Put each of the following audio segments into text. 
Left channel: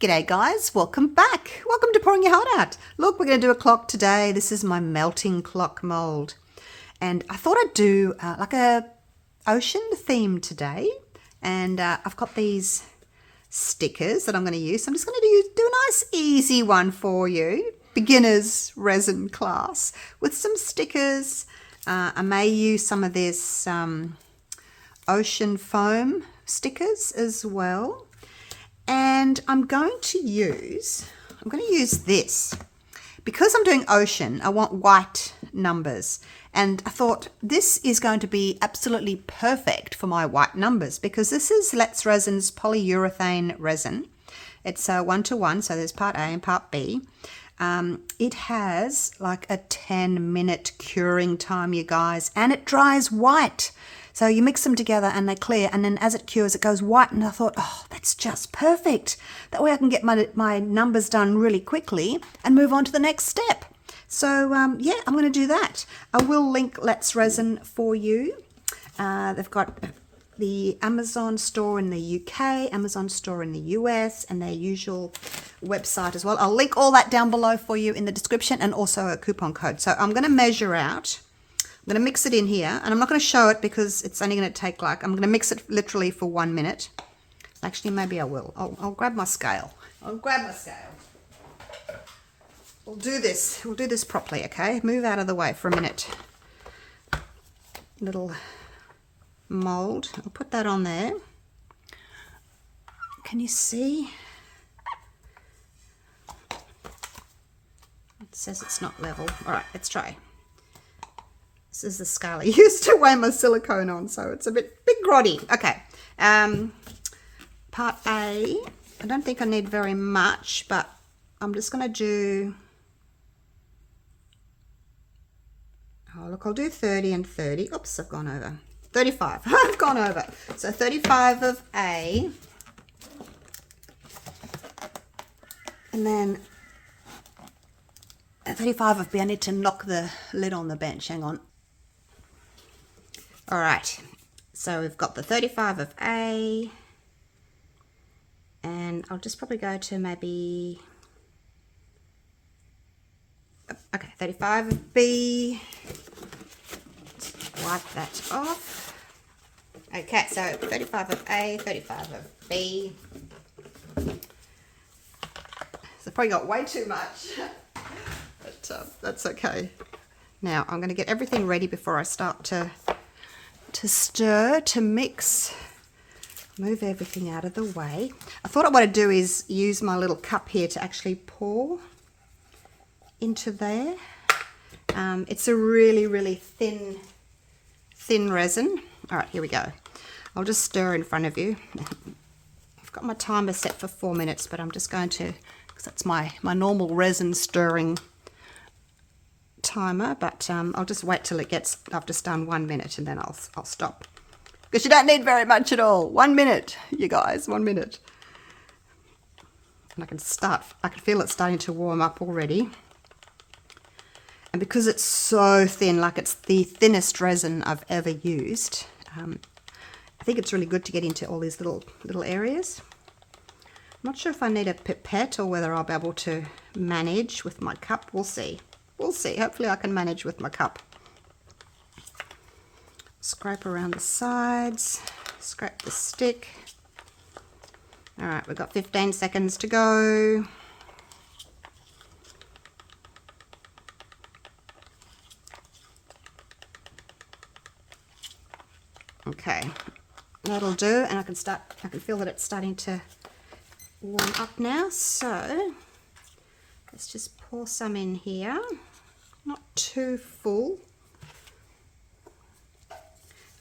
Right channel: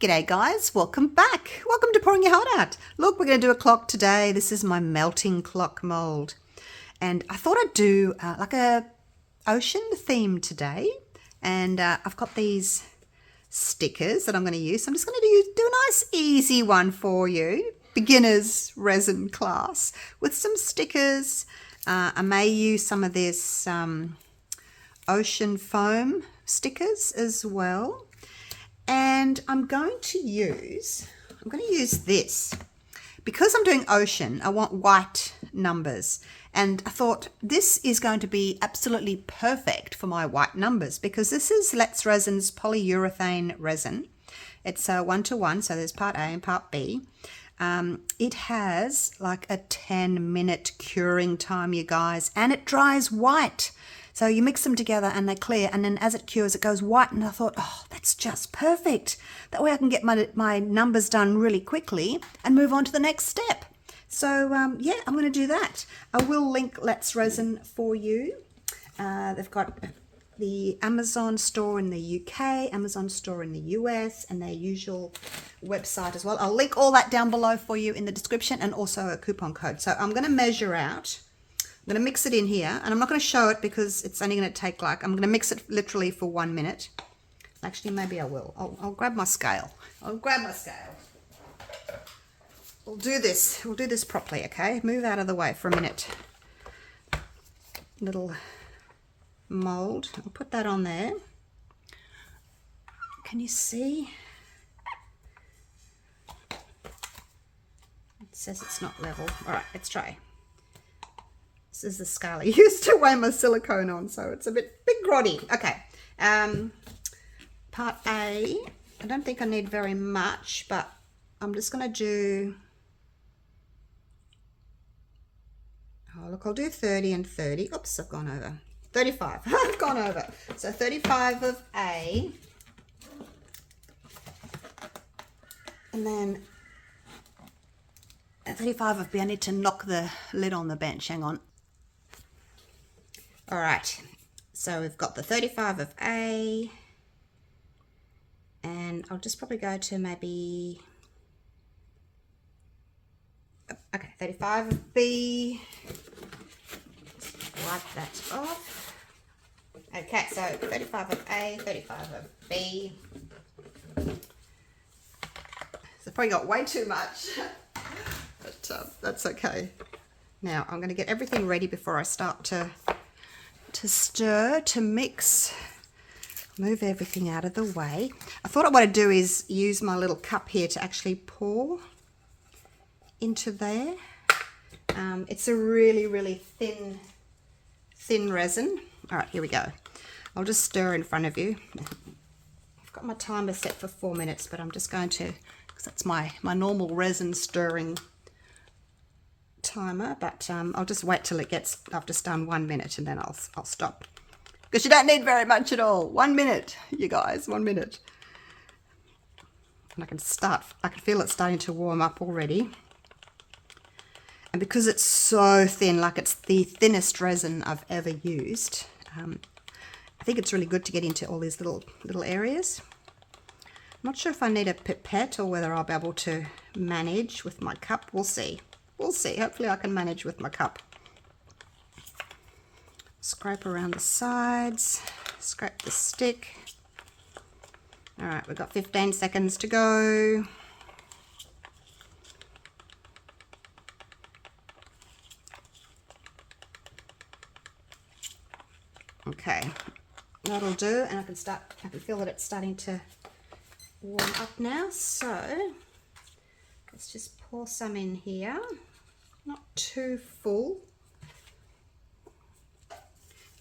G'day guys, welcome back. Welcome to Pouring Your Heart Out. Look, we're going to do a clock today. This is my melting clock mold. And I thought I'd do like a ocean theme today. And I've got these stickers that I'm going to use. I'm just going to do a nice easy one for you. Beginner's resin class with some stickers. I may use some of this ocean foam stickers as well. And I'm going to use this. Because I'm doing ocean, I want white numbers. And I thought this is going to be absolutely perfect for my white numbers because this is Let's Resin's polyurethane resin. It's a 1-to-1, so there's part A and part B. It has like a 10-minute curing time, you guys, and it dries white. So you mix them together and they clear, and then as it cures, it goes white. And I thought, oh, that's just perfect. That way I can get my numbers done really quickly and move on to the next step. So yeah, I'm going to do that. I will link Let's Resin for you. They've got the Amazon store in the UK, Amazon store in the US, and their usual website as well. I'll link all that down below for you in the description, and also a coupon code. So I'm going to measure out. I'm going to mix it in here, and I'm not going to show it because it's only going to take I'm going to mix it literally for 1 minute. Actually, maybe I will. I'll grab my scale. We'll do this properly, okay? Move out of the way for a minute. Little mold. I'll put that on there. Can you see? It says it's not level. All right, let's try. This is the scale I used to weigh my silicone on, so it's a bit grotty. Okay, part A, I don't think I need very much, but I'm just going to do, oh look, I'll do 30 and 30. Oops, I've gone over. 35, I've gone over. So 35 of A, and then 35 of B. I need to knock the lid on the bench, hang on. All right, so we've got the 35 of A, and I'll just probably go to maybe, okay, 35 of B, wipe that off. Okay, so 35 of A, 35 of B. So probably got way too much, but that's okay. Now I'm going to get everything ready before I start to stir, to mix. Move everything out of the way. I thought what I'd do is use my little cup here to actually pour into there. It's a really thin resin. All right, here we go. I'll just stir in front of you. I've got my timer set for 4 minutes, but I'm just going to, because that's my normal resin stirring timer, but I'll just wait till it gets, I've just done 1 minute, and then I'll stop, because you don't need very much at all. 1 minute, you guys, 1 minute. And I can feel it starting to warm up already. And because it's so thin, like it's the thinnest resin I've ever used, I think it's really good to get into all these little areas. I'm not sure if I need a pipette or whether I'll be able to manage with my cup. We'll see. We'll see. Hopefully I can manage with my cup. Scrape around the sides. Scrape the stick. All right, we've got 15 seconds to go. Okay, that'll do, and I can feel that it's starting to warm up now. So let's just pour some in here. Not too full.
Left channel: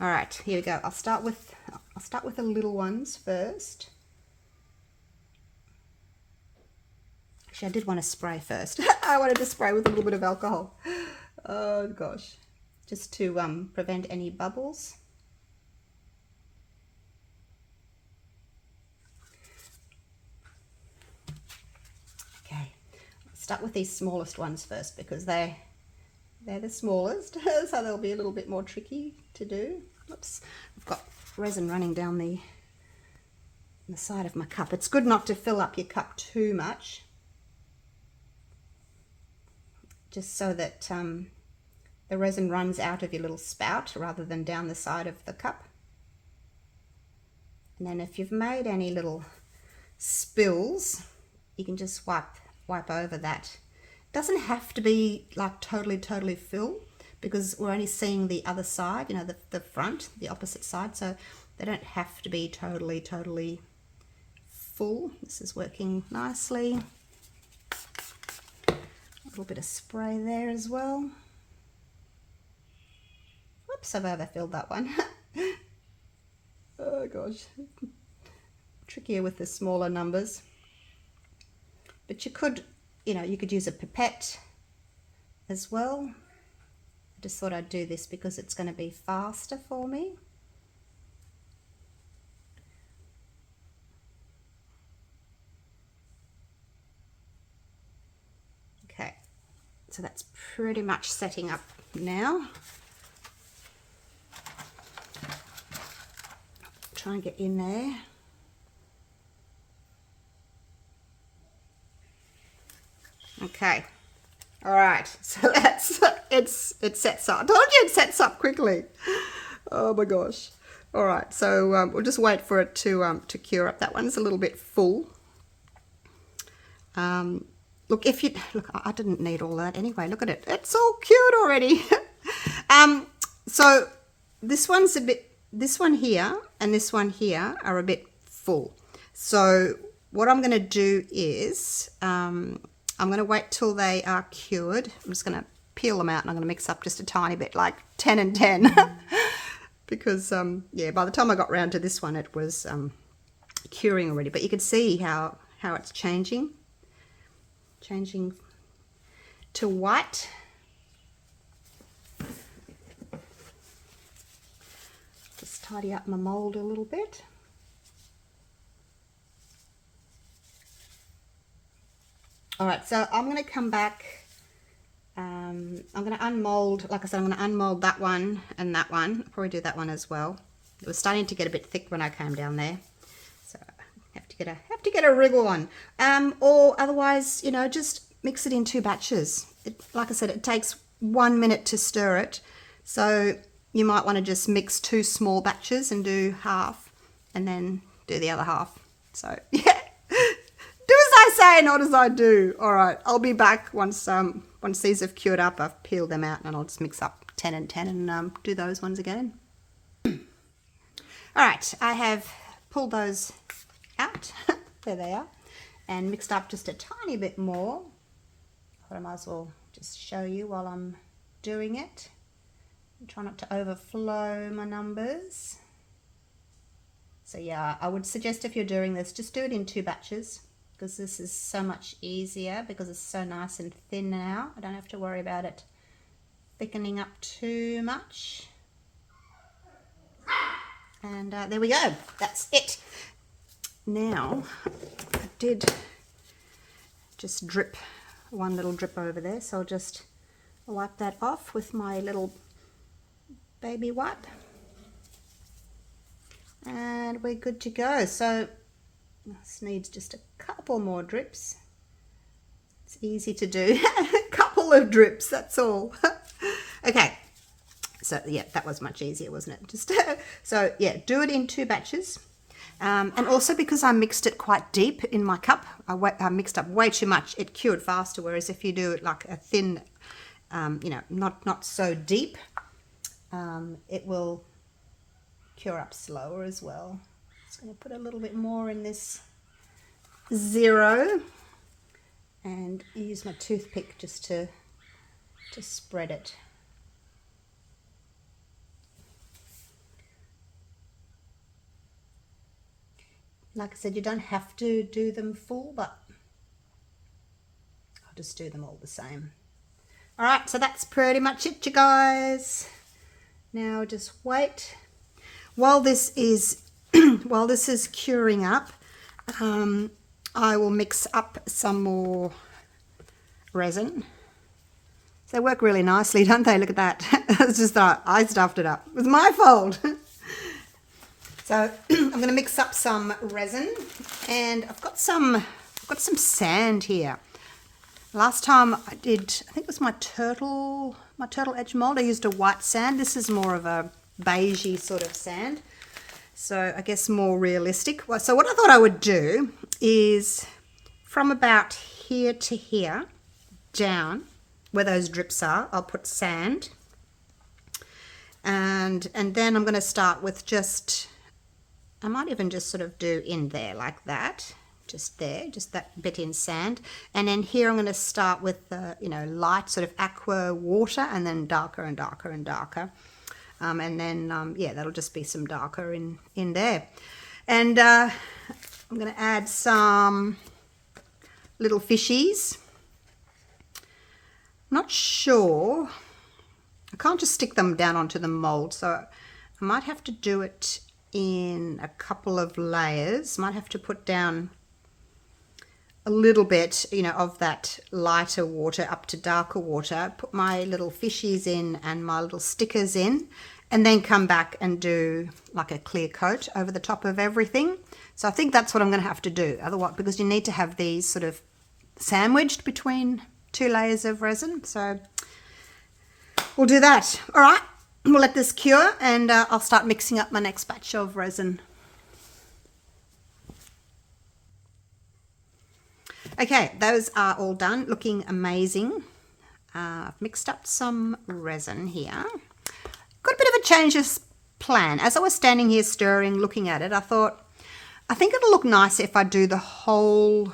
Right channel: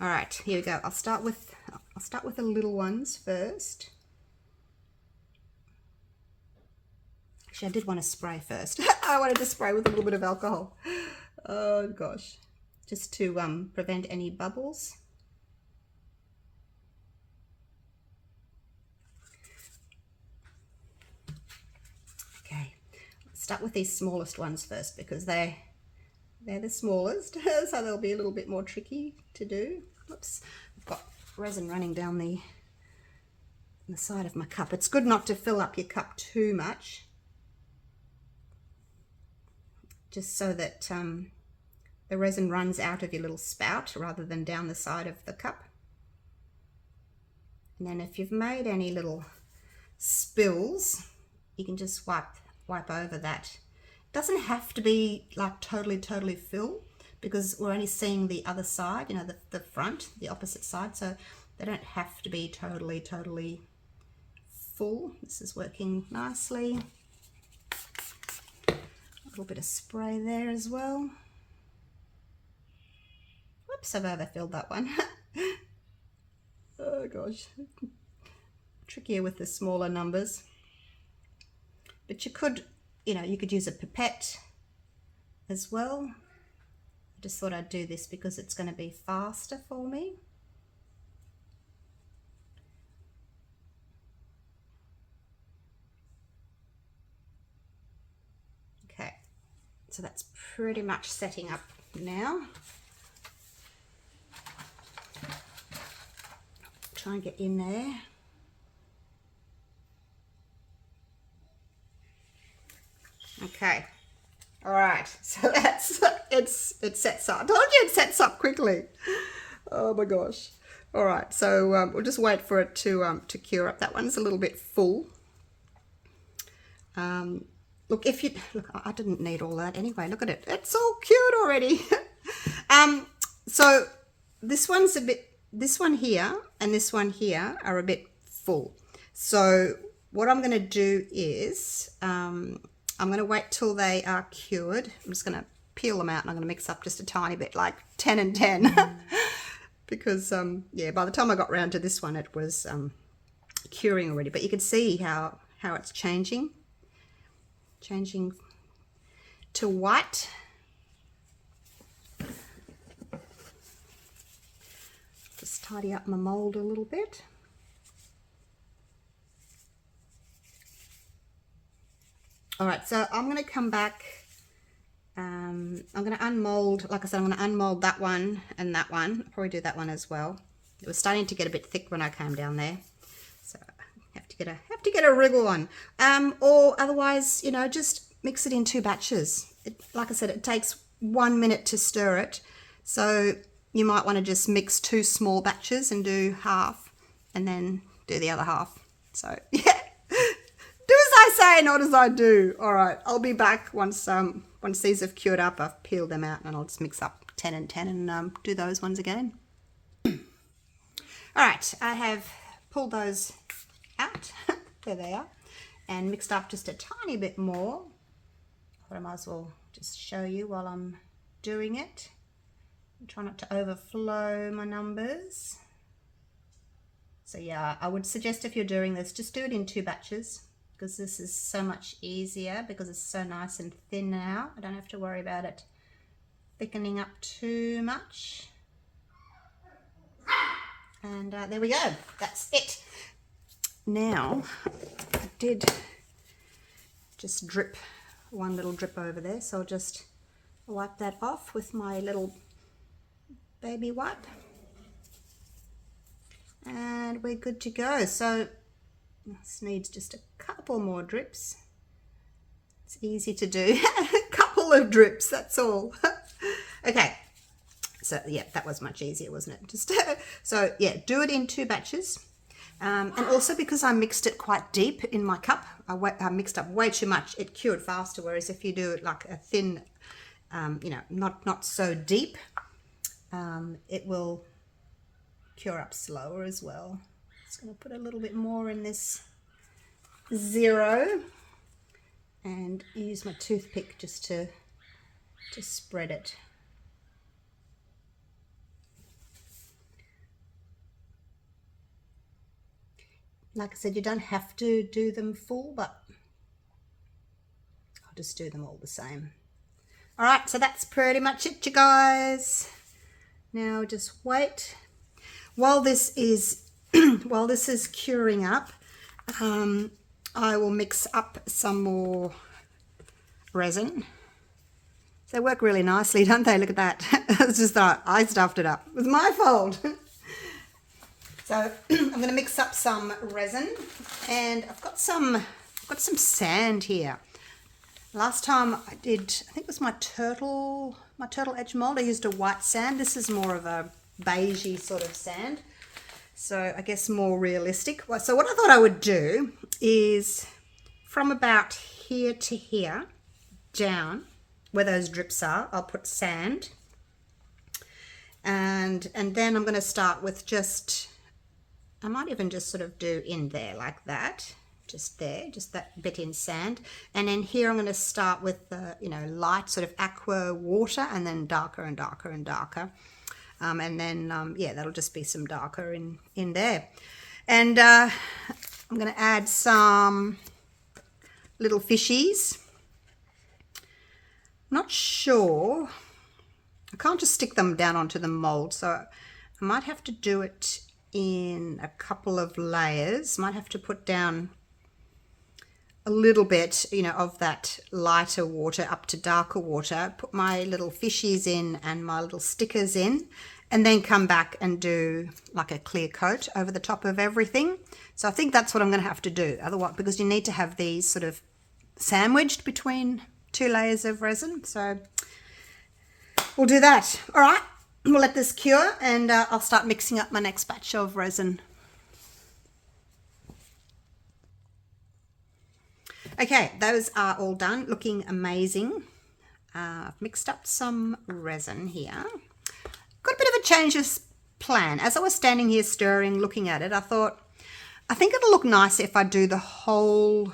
All right, here we go. I'll start with the little ones first. Actually, I did want to spray first. I wanted to spray with a little bit of alcohol. Oh gosh, just to prevent any bubbles. Okay, let's start with these smallest ones first because they're the smallest, so they'll be a little bit more tricky to do. Oops, I've got resin running down the the side of my cup. It's good not to fill up your cup too much, just so that the resin runs out of your little spout rather than down the side of the cup. And then if you've made any little spills, you can just wipe over that. It doesn't have to be like totally full, because we're only seeing the other side, you know, the front, the opposite side, so they don't have to be totally full. This is working nicely. A little bit of spray there as well. Whoops, I've overfilled that one. Oh gosh, trickier with the smaller numbers. But you could, you know, you could use a pipette as well. I just thought I'd do this because it's going to be faster for me. Okay, so that's pretty much setting up now. Try and get in there. Okay, all right, so that's it sets up. I told you it sets up quickly. Oh my gosh. All right, so we'll just wait for it to cure up. That one's a little bit full. Look, I didn't need all that anyway. Look at it, it's all cured already. So this one's a bit, this one here and this one here are a bit full. So what I'm going to do is I'm going to wait till they are cured. I'm just going to peel them out and I'm going to mix up just a tiny bit, like 10 and 10. Because yeah, by the time I got round to this one, it was curing already. But you can see how it's changing to white. Just tidy up my mold a little bit. All right, so I'm going to come back. I'm going to unmold, like I said, I'm going to unmold that one and that one. I'll probably do that one as well. It was starting to get a bit thick when I came down there, so I have to get a wriggle on. Or otherwise, you know, just mix it in 2 batches. Like I said, it takes 1 minute to stir it, so you might want to just mix 2 small batches and do half, and then do the other half. So yeah. Do as I say, not as I do. All right, I'll be back once these have cured up. I've peeled them out and I'll just mix up 10 and 10 and do those ones again. All right, I have pulled those out. There they are. And mixed up just a tiny bit more. But I might as well just show you while I'm doing it. Try not to overflow my numbers. So yeah, I would suggest if you're doing this, just do it in 2 batches. Because this is so much easier, because it's so nice and thin now. I don't have to worry about it thickening up too much. And there we go, that's it. Now, I did just drip one little drip over there, so I'll just wipe that off with my little baby wipe. And we're good to go. So this needs just a couple more drips. It's easy to do. A couple of drips, that's all. Okay, so yeah, that was much easier, wasn't it? Just so yeah, do it in 2 batches. And also because I mixed it quite deep in my cup, I mixed up way too much, it cured faster. Whereas if you do it like a thin, you know, not so deep, it will cure up slower as well. Just going to put a little bit more in this 0 and use my toothpick just to spread it. Like I said, you don't have to do them full, but I'll just do them all the same. All right, so that's pretty much it, you guys. Now just wait. While this is curing up, I will mix up some more resin. So they work really nicely, don't they? Look at that. It's just that I stuffed it up. It was my fault. So I'm going to mix up some resin, and I've got some sand here. Last time I did, I think it was my turtle edge mold, I used a white sand. This is more of a beigey sort of sand, so I guess more realistic. So what I thought I would do is from about here to here down where those drips are, I'll put sand, and then I'm going to start with just, I might even just sort of do in there like that, just there, just that bit in sand. And then here I'm going to start with you know, light sort of aqua water, and then darker and darker and darker. And then, yeah, that'll just be some darker in there. And I'm going to add some little fishies. I'm not sure. I can't just stick them down onto the mold, so I might have to do it in a couple of layers. Might have to put down a little bit, you know, of that lighter water up to darker water, put my little fishies in and my little stickers in, and then come back and do like a clear coat over the top of everything. So I think that's what I'm going to have to do. Otherwise, because you need to have these sort of sandwiched between two layers of resin. So we'll do that. All right, we'll let this cure, and I'll start mixing up my next batch of resin. Okay, those are all done, looking amazing. I've mixed up some resin here. Got a bit of a change of plan. As I was standing here stirring, looking at it, I thought, I think it'll look nicer if I do the whole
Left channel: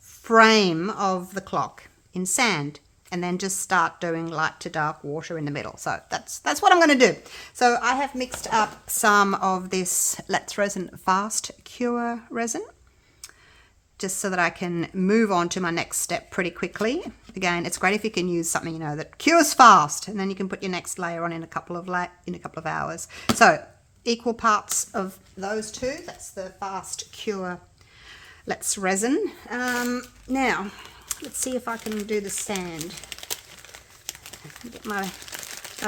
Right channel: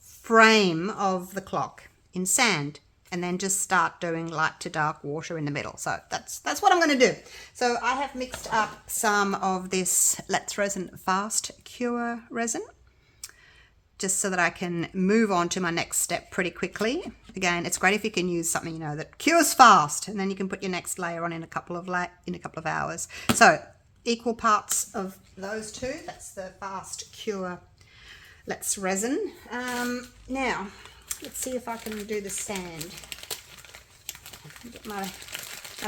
frame of the clock in sand, and then just start doing light to dark water in the middle. So that's what I'm going to do. So I have mixed up some of this Let's Resin Fast Cure resin, just so that I can move on to my next step pretty quickly. Again, it's great if you can use something, you know, that cures fast, and then you can put your next layer on in a couple of hours. So equal parts of those two. That's the Fast Cure Let's Resin. Now, let's see if I can do the sand. Get my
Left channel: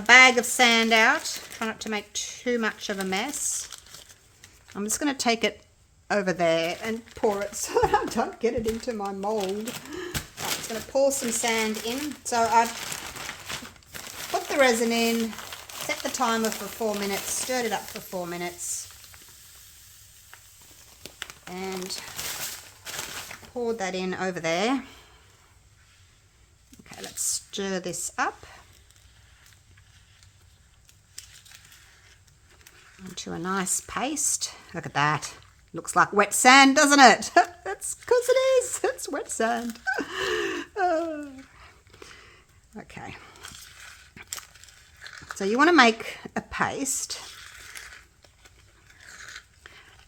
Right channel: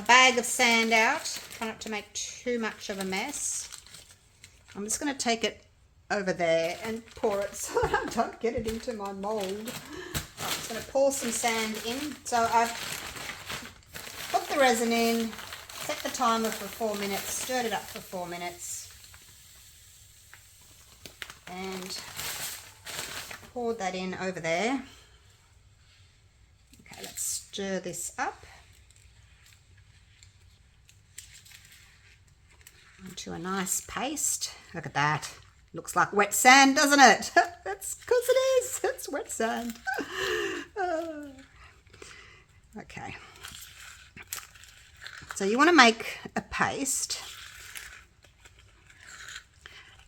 bag of sand out. Try not to make too much of a mess. I'm just going to take it over there and pour it so I don't get it into my mold. I'm just going to pour some sand in. So I've put the resin in, set the timer for 4 minutes, stirred it up for 4 minutes, and poured that in over there. Okay, let's stir this up into a nice paste. Look at that. Looks like wet sand, doesn't it? That's because it is. It's wet sand. Okay. So you want to make a paste.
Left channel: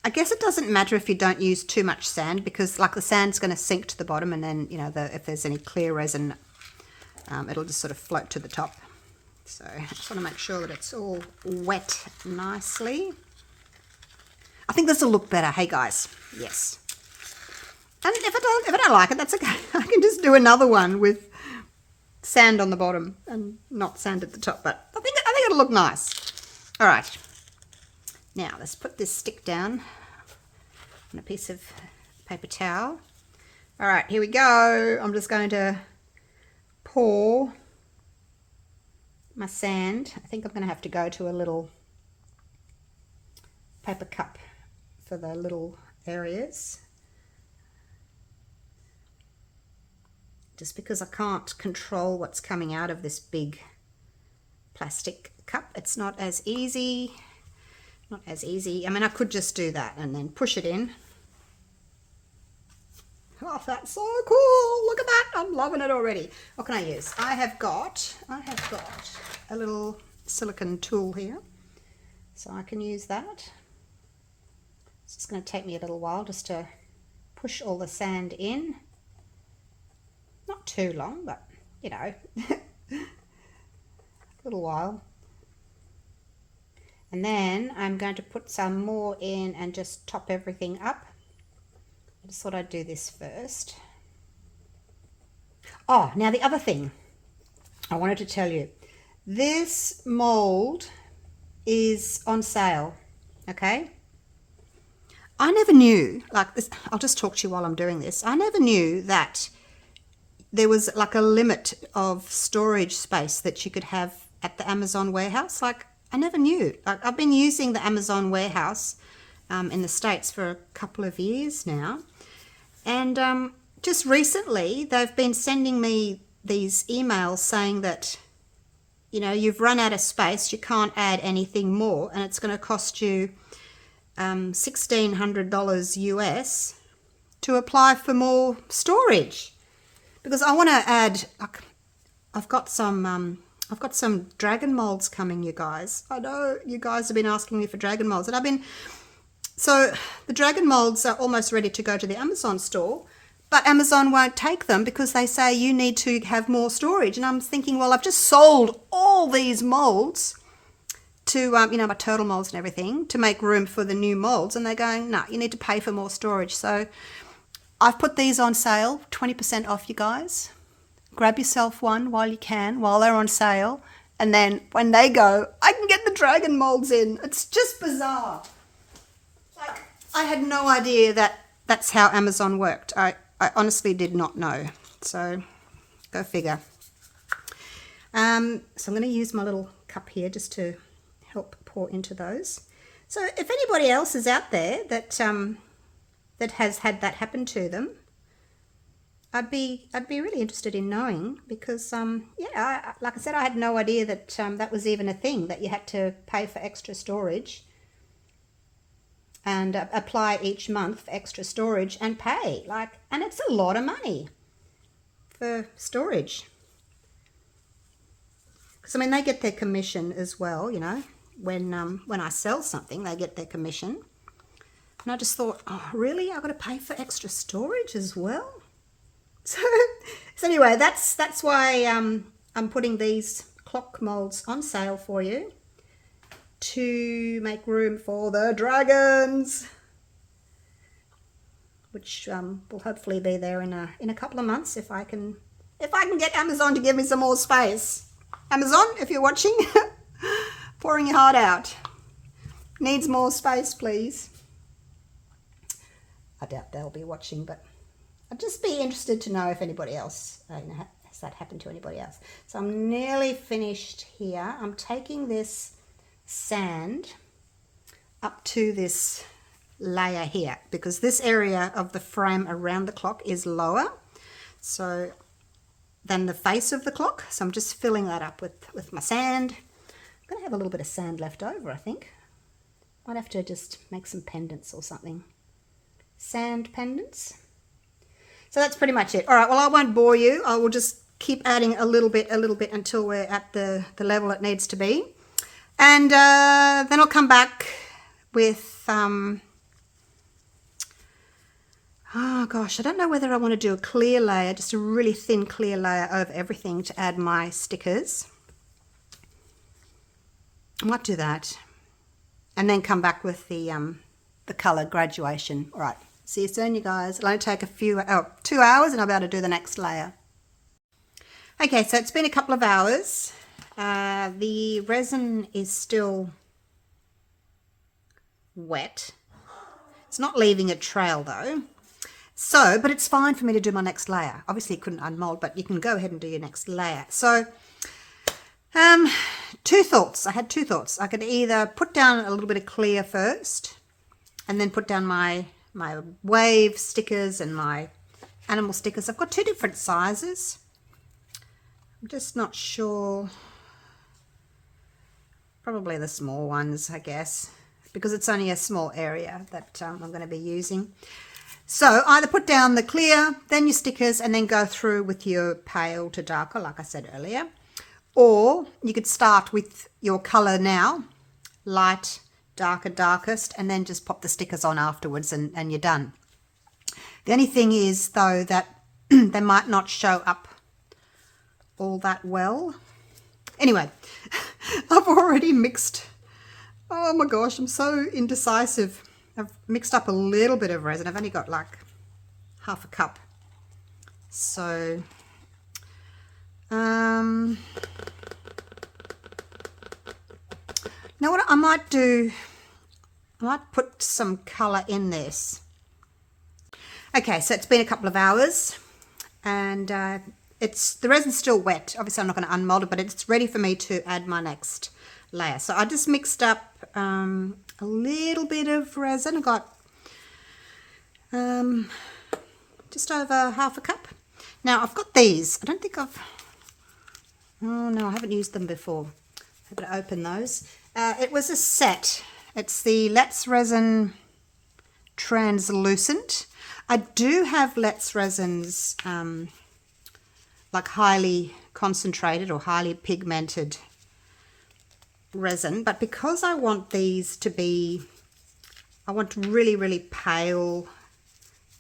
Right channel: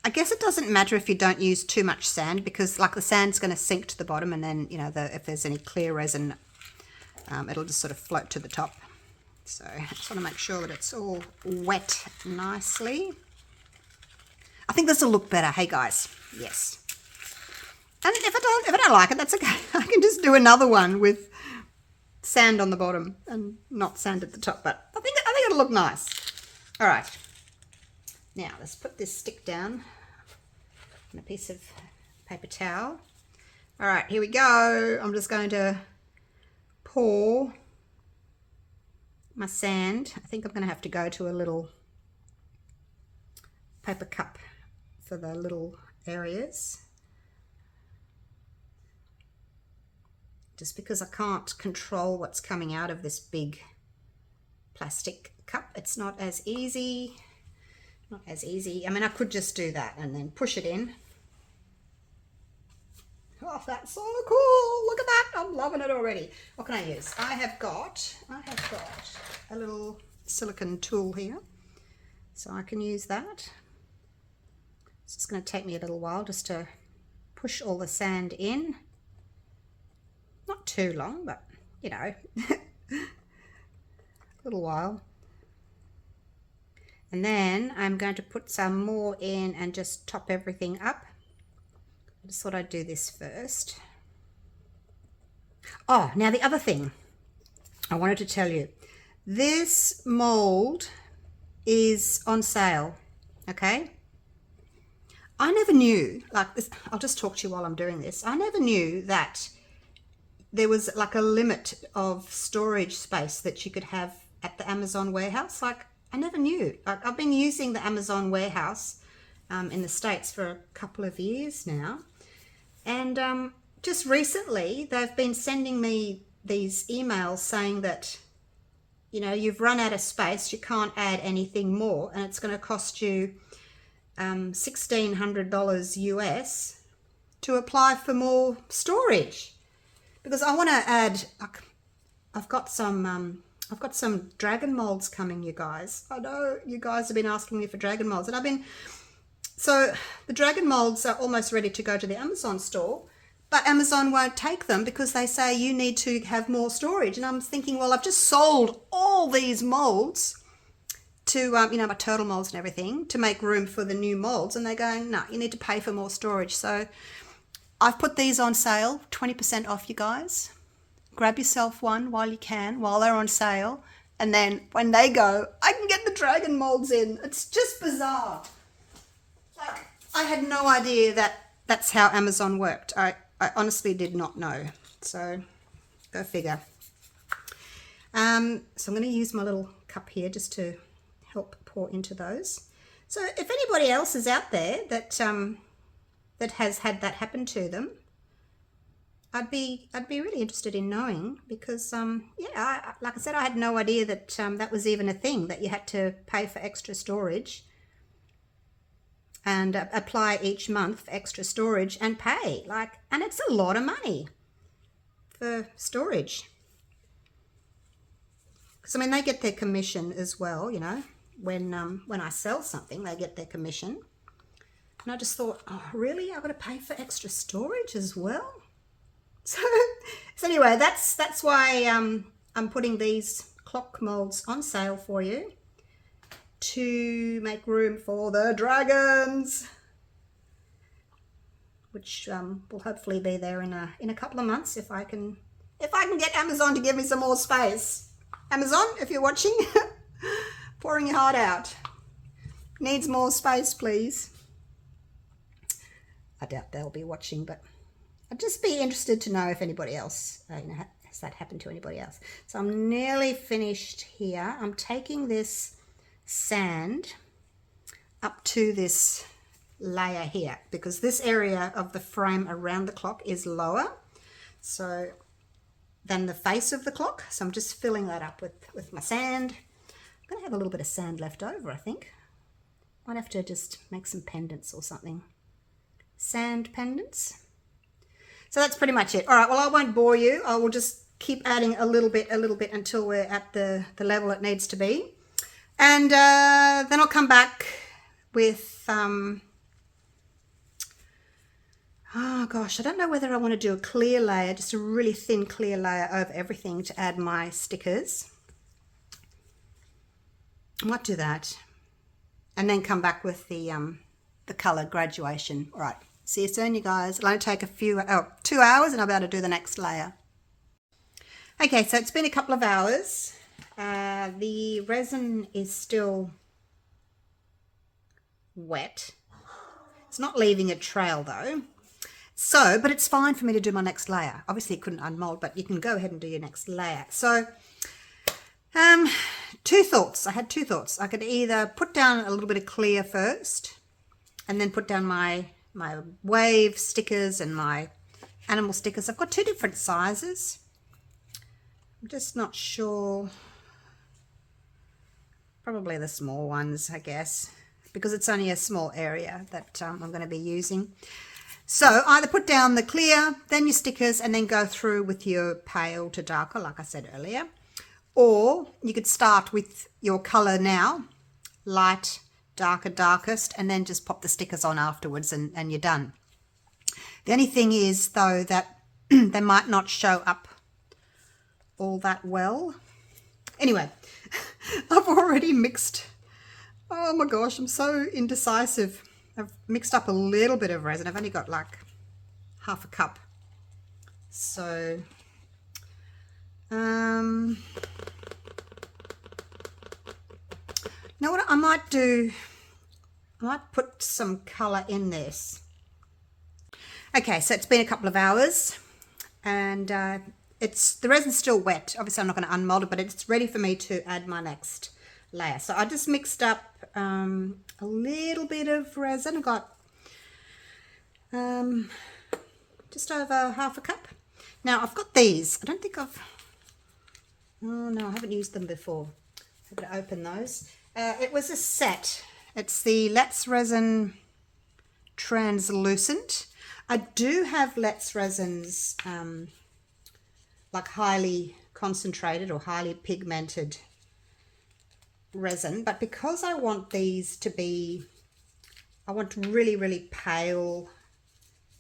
I guess it doesn't matter if you don't use too much sand, because like the sand's going to sink to the bottom, and then, you know, if there's any clear resin, it'll just sort of float to the top. So I just want to make sure that it's all wet nicely. I think this will look better. Hey guys, yes. And if I don't like it, that's okay. I can just do another one with sand on the bottom and not sand at the top. But I think it'll look nice. All right. Now let's put this stick down on a piece of paper towel. All right, here we go. I'm just going to pour my sand. I think I'm going to have to go to a little paper cup for the little areas, just because I can't control what's coming out of this big plastic cup. It's not as easy. I mean, I could just do that and then push it in. Oh, that's so cool. Look at that. I'm loving it already. What can I use? I have got a little silicone tool here, so I can use that. It's just going to take me a little while just to push all the sand in. Not too long, but, you know, a little while. And then I'm going to put some more in and just top everything up. I just thought I'd do this first. Oh, now the other thing I wanted to tell you. This mold is on sale, okay? I never knew, like this, I'll just talk to you while I'm doing this. I never knew that there was like a limit of storage space that you could have at the Amazon warehouse. Like, I never knew. Like, I've been using the Amazon warehouse in the States for a couple of years now. And just recently, they've been sending me these emails saying that, you know, you've run out of space, you can't add anything more, and it's going to cost you $1,600 US to apply for more storage. Because I want to add, like, I've got some dragon molds coming, you guys. I know you guys have been asking me for dragon molds, and so the dragon molds are almost ready to go to the Amazon store, but Amazon won't take them because they say you need to have more storage. And I'm thinking, well, I've just sold all these molds to, you know, my turtle molds and everything to make room for the new molds. And they're going, no, you need to pay for more storage. So I've put these on sale, 20% off, you guys. Grab yourself one while you can, while they're on sale. And then when they go, I can get the dragon molds in. It's just bizarre. Like, I had no idea that that's how Amazon worked. I honestly did not know. So go figure. So I'm going to use my little cup here just to help pour into those. So if anybody else is out there that that has had that happen to them, I'd be really interested in knowing, because yeah, like I said, I had no idea that that was even a thing, that you had to pay for extra storage and apply each month for extra storage and pay, like, and it's a lot of money for storage. Because I mean, they get their commission as well, you know, when I sell something, they get their commission. And I just thought, oh, really? I've got to pay for extra storage as well? So anyway, that's why I'm putting these clock molds on sale for you, to make room for the dragons, which will hopefully be there in a couple of months if I can get Amazon to give me some more space. Amazon, if you're watching, pouring your heart out. Needs more space, please. I doubt they'll be watching, but I'd just be interested to know if anybody else, you know, has that happened to anybody else. So I'm nearly finished here. I'm taking this sand up to this layer here, because this area of the frame around the clock is lower than the face of the clock. So I'm just filling that up with my sand. I'm going to have a little bit of sand left over, I think. Might have to just make some pendants or something. Sand pendants. So that's pretty much it. All right, well, I won't bore you. I will just keep adding a little bit until we're at the level it needs to be. And then I'll come back with, oh gosh, I don't know whether I want to do a clear layer, just a really thin clear layer over everything to add my stickers. I might do that. And then come back with the colour graduation. All right, see you soon, you guys. It'll only take 2 hours and I'll be able to do the next layer. Okay, so it's been a couple of hours. The resin is still wet. It's not leaving a trail though. So, but it's fine for me to do my next layer. Obviously it couldn't unmold, but you can go ahead and do your next layer. So, two thoughts. I had two thoughts. I could either put down a little bit of clear first and then put down my wave stickers and my animal stickers. I've got two different sizes. I'm just not sure. Probably the small ones, I guess, because it's only a small area that I'm going to be using. So either put down the clear, then your stickers, and then go through with your pale to darker, like I said earlier. Or you could start with your colour now, light, darker, darkest, and then just pop the stickers on afterwards and you're done. The only thing is, though, that they might not show up all that well. Anyway, I've already mixed. Oh my gosh, I'm so indecisive. I've mixed up a little bit of resin. I've only got like half a cup. So, now what I might do, I might put some colour in this. Okay, so it's been a couple of hours and the resin's still wet. Obviously I'm not going to unmold it, but it's ready for me to add my next layer. So I just mixed up a little bit of resin. I got just over half a cup. Now I've got these. I don't think oh no, I haven't used them before. I'm going to open those. It was a set. It's the Let's Resin Translucent. I do have Let's Resins like highly concentrated or highly pigmented resin, but because I want these to be, I want really, really pale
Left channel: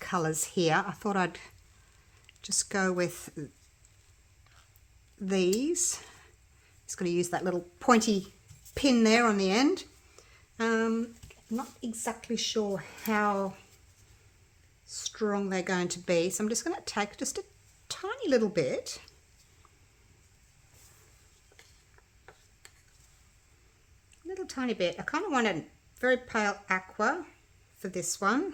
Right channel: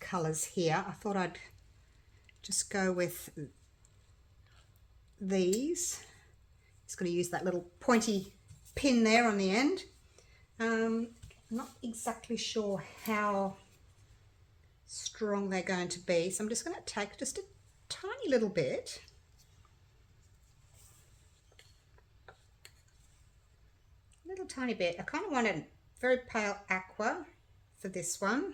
colours here, I thought I'd just go with these. Just going to use that little pointy pin there on the end. Not exactly sure how strong they're going to be, so I'm just going to take just a tiny little bit, tiny bit. I kind of want a very pale aqua for this one,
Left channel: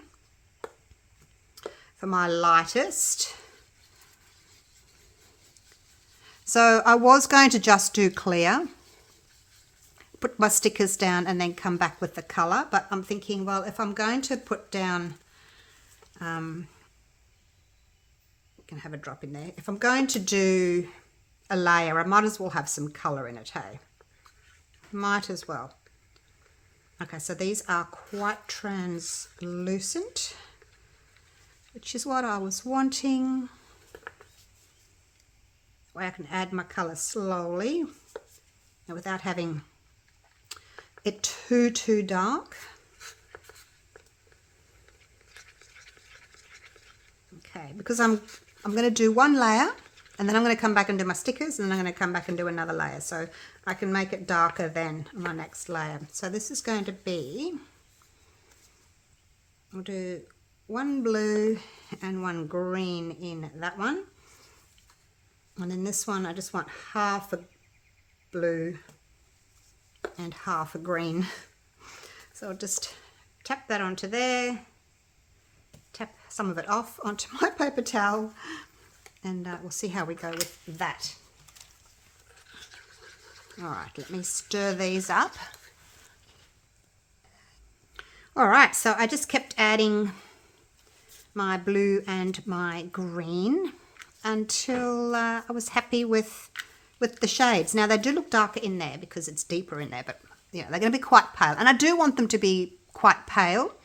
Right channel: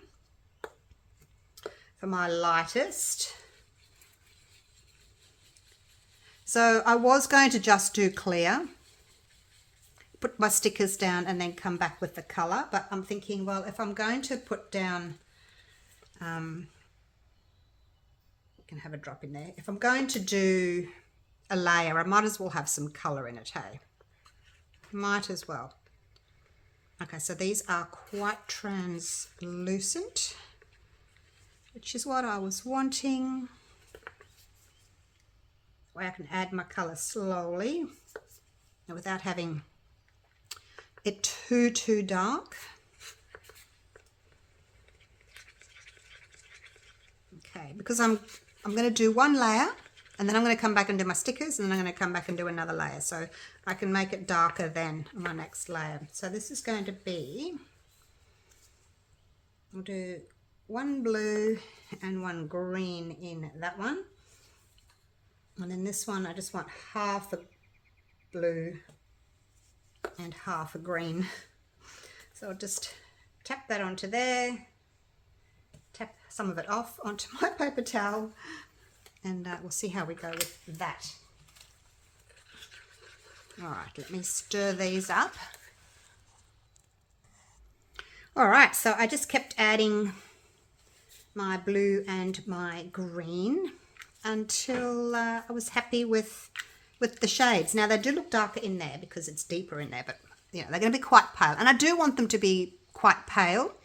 for my lightest. So I was going to just do clear, put my stickers down and then come back with the colour, but I'm thinking, well, if I'm going to put down you can have a drop in there. If I'm going to do a layer, I might as well have some colour in it, hey? Might as well. Okay, so these are quite translucent, which is what I was wanting. Where I can add my colour slowly and without having it too dark. Okay, because I'm going to do one layer and then I'm going to come back and do my stickers and then I'm going to come back and do another layer, so I can make it darker than my next layer. So this is going to be, I'll do one blue and one green in that one, and then this one I just want half a blue and half a green. So I'll just tap that onto there, tap some of it off onto my paper towel, and we'll see how we go with that. All right, let me stir these up. All right, so I just kept adding my blue and my green until I was happy with the shades. Now they do look darker in there because it's deeper in there, but yeah, they're going to be quite pale, and I do want them to be quite pale,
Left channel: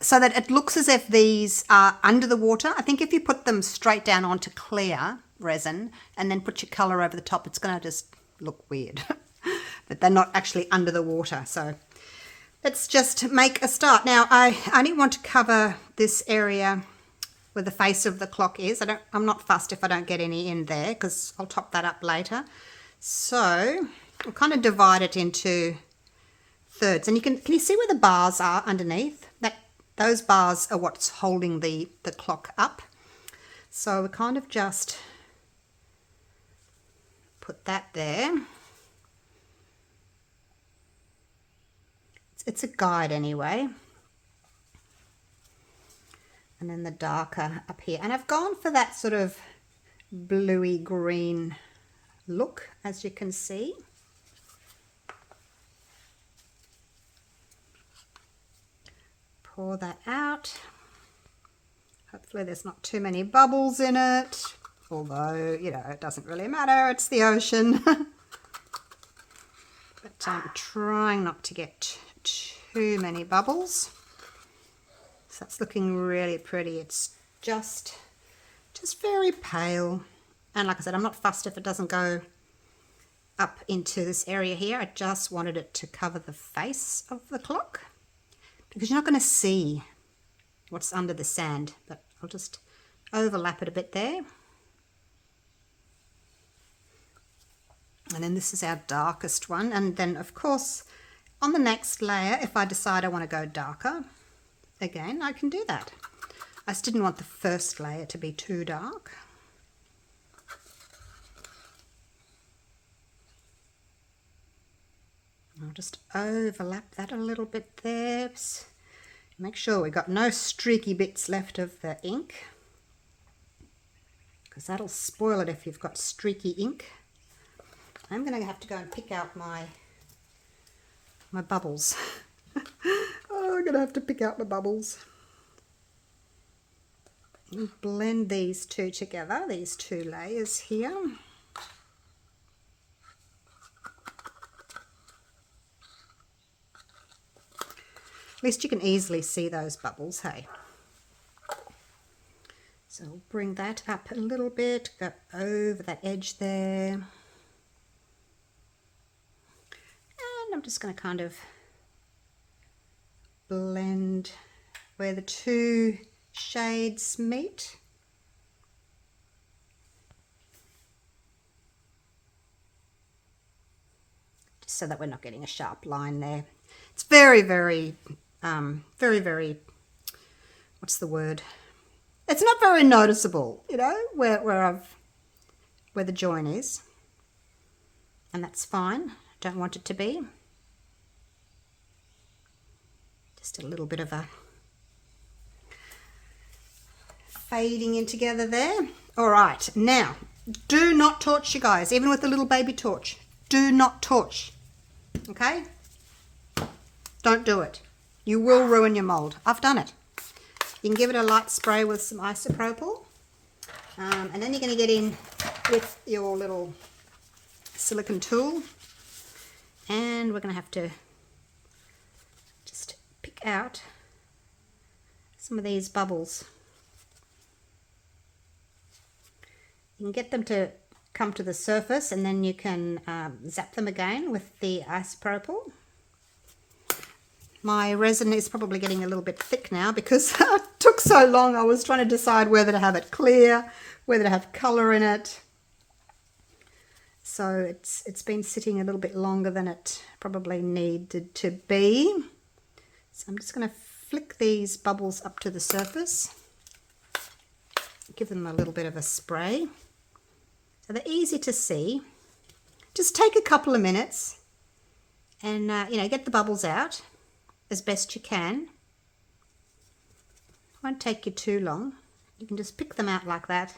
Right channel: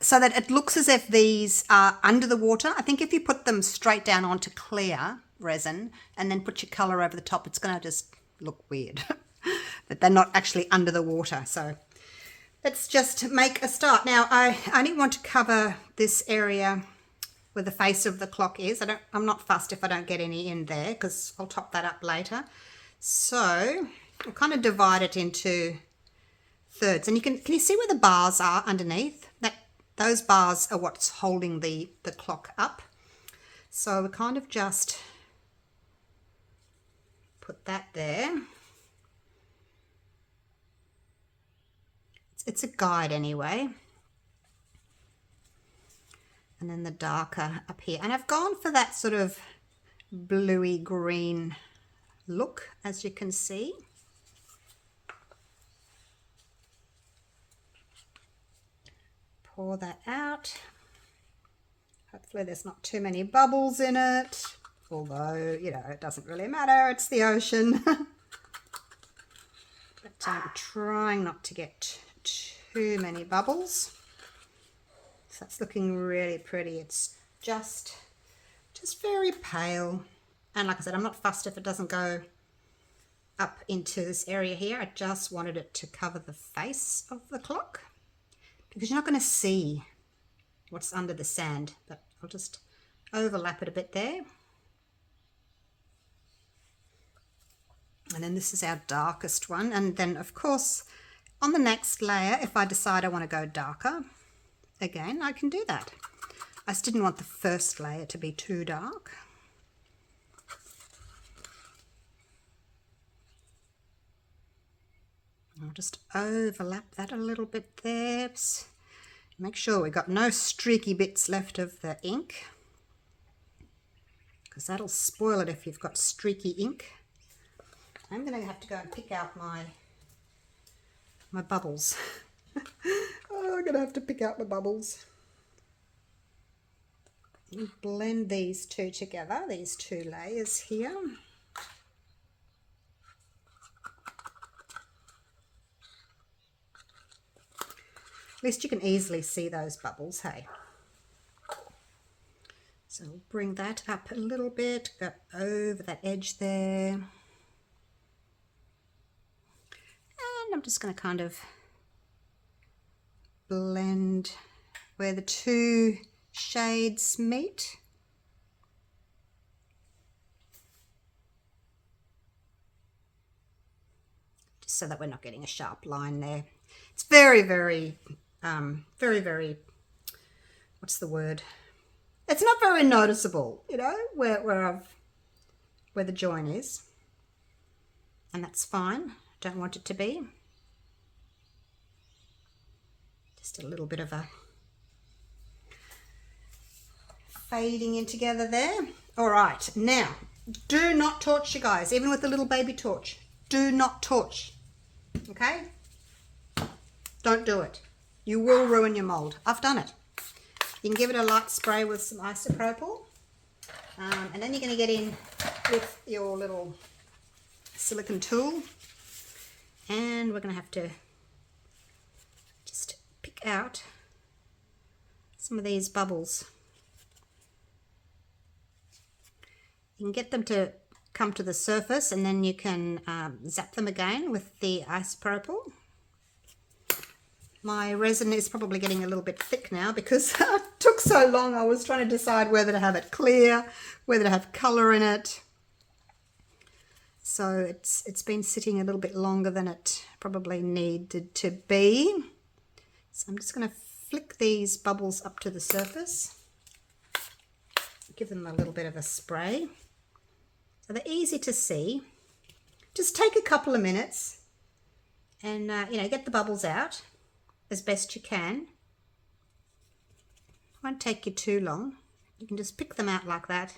so that it looks as if these are under the water. I think if you put them straight down onto clear resin and then put your colour over the top, it's going to just look weird. But they're not actually under the water. So let's just make a start. Now I only want to cover this area where the face of the clock is. I'm not fussed if I don't get any in there because I'll top that up later. So I'll kind of divide it into thirds, and can you see where the bars are underneath? Those bars are what's holding the clock up. So we kind of just put that there. It's a guide anyway. And then the darker up here. And I've gone for that sort of bluey green look, as you can see. Pour that out. Hopefully there's not too many bubbles in it, although, you know, it doesn't really matter, it's the ocean. But I'm trying not to get too many bubbles. So that's looking really pretty. It's just very pale, and like I said, I'm not fussed if it doesn't go up into this area here. I just wanted it to cover the face of the clock, because you're not going to see what's under the sand, but I'll just overlap it a bit there. And then this is our darkest one, and then of course on the next layer, if I decide I want to go darker again, I can do that. I just didn't want the first layer to be too dark. I'll just overlap that a little bit there. Make sure we've got no streaky bits left of the ink, because that'll spoil it if you've got streaky ink. I'm going to have to go and pick out my bubbles. Oh, I'm going to have to pick out my bubbles. And blend these two together, these two layers here. At least you can easily see those bubbles, hey? So we'll bring that up a little bit, go over that edge there. And I'm just going to kind of blend where the two shades meet. Just so that we're not getting a sharp line there. It's very, very, what's the word? It's not very noticeable, you know, where the join is. And that's fine. Don't want it to be. Just a little bit of a fading in together there. All right, now, do not torch, you guys, even with the little baby torch. Do not torch, okay? Don't do it. You will ruin your mold. I've done it. You can give it a light spray with some isopropyl, and then you're going to get in with your little silicone tool, and we're going to have to just pick out some of these bubbles. You can get them to come to the surface, and then you can zap them again with the isopropyl. My resin is probably getting a little bit thick now because it took so long. I was trying to decide whether to have it clear, whether to have colour in it. So it's been sitting a little bit longer than it probably needed to be. So I'm just going to flick these bubbles up to the surface. Give them a little bit of a spray. So they're easy to see. Just take a couple of minutes and, you know, get the bubbles out as best you can. Won't take you too long. You can just pick them out like that.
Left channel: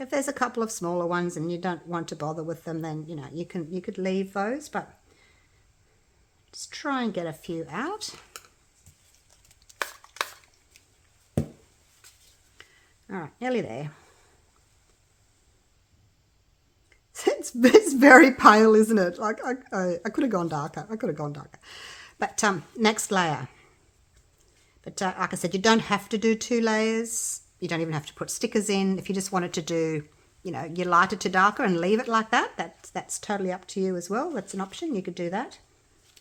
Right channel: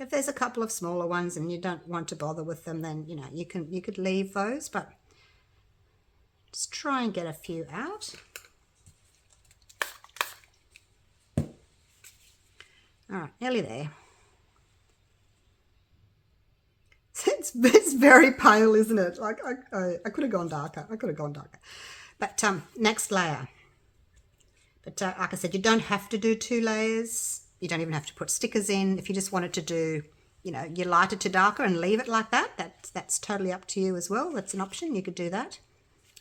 If there's a couple of smaller ones and you don't want to bother with them, then you know you could leave those, but just try and get a few out. All right, nearly there. It's very pale, isn't it? Like I could have gone darker. I could have gone darker. But next layer. But like I said, you don't have to do 2 layers. You don't even have to put stickers in. If you just wanted to do, you know, you light it to darker and leave it like that, that's totally up to you as well. That's an option. You could do that.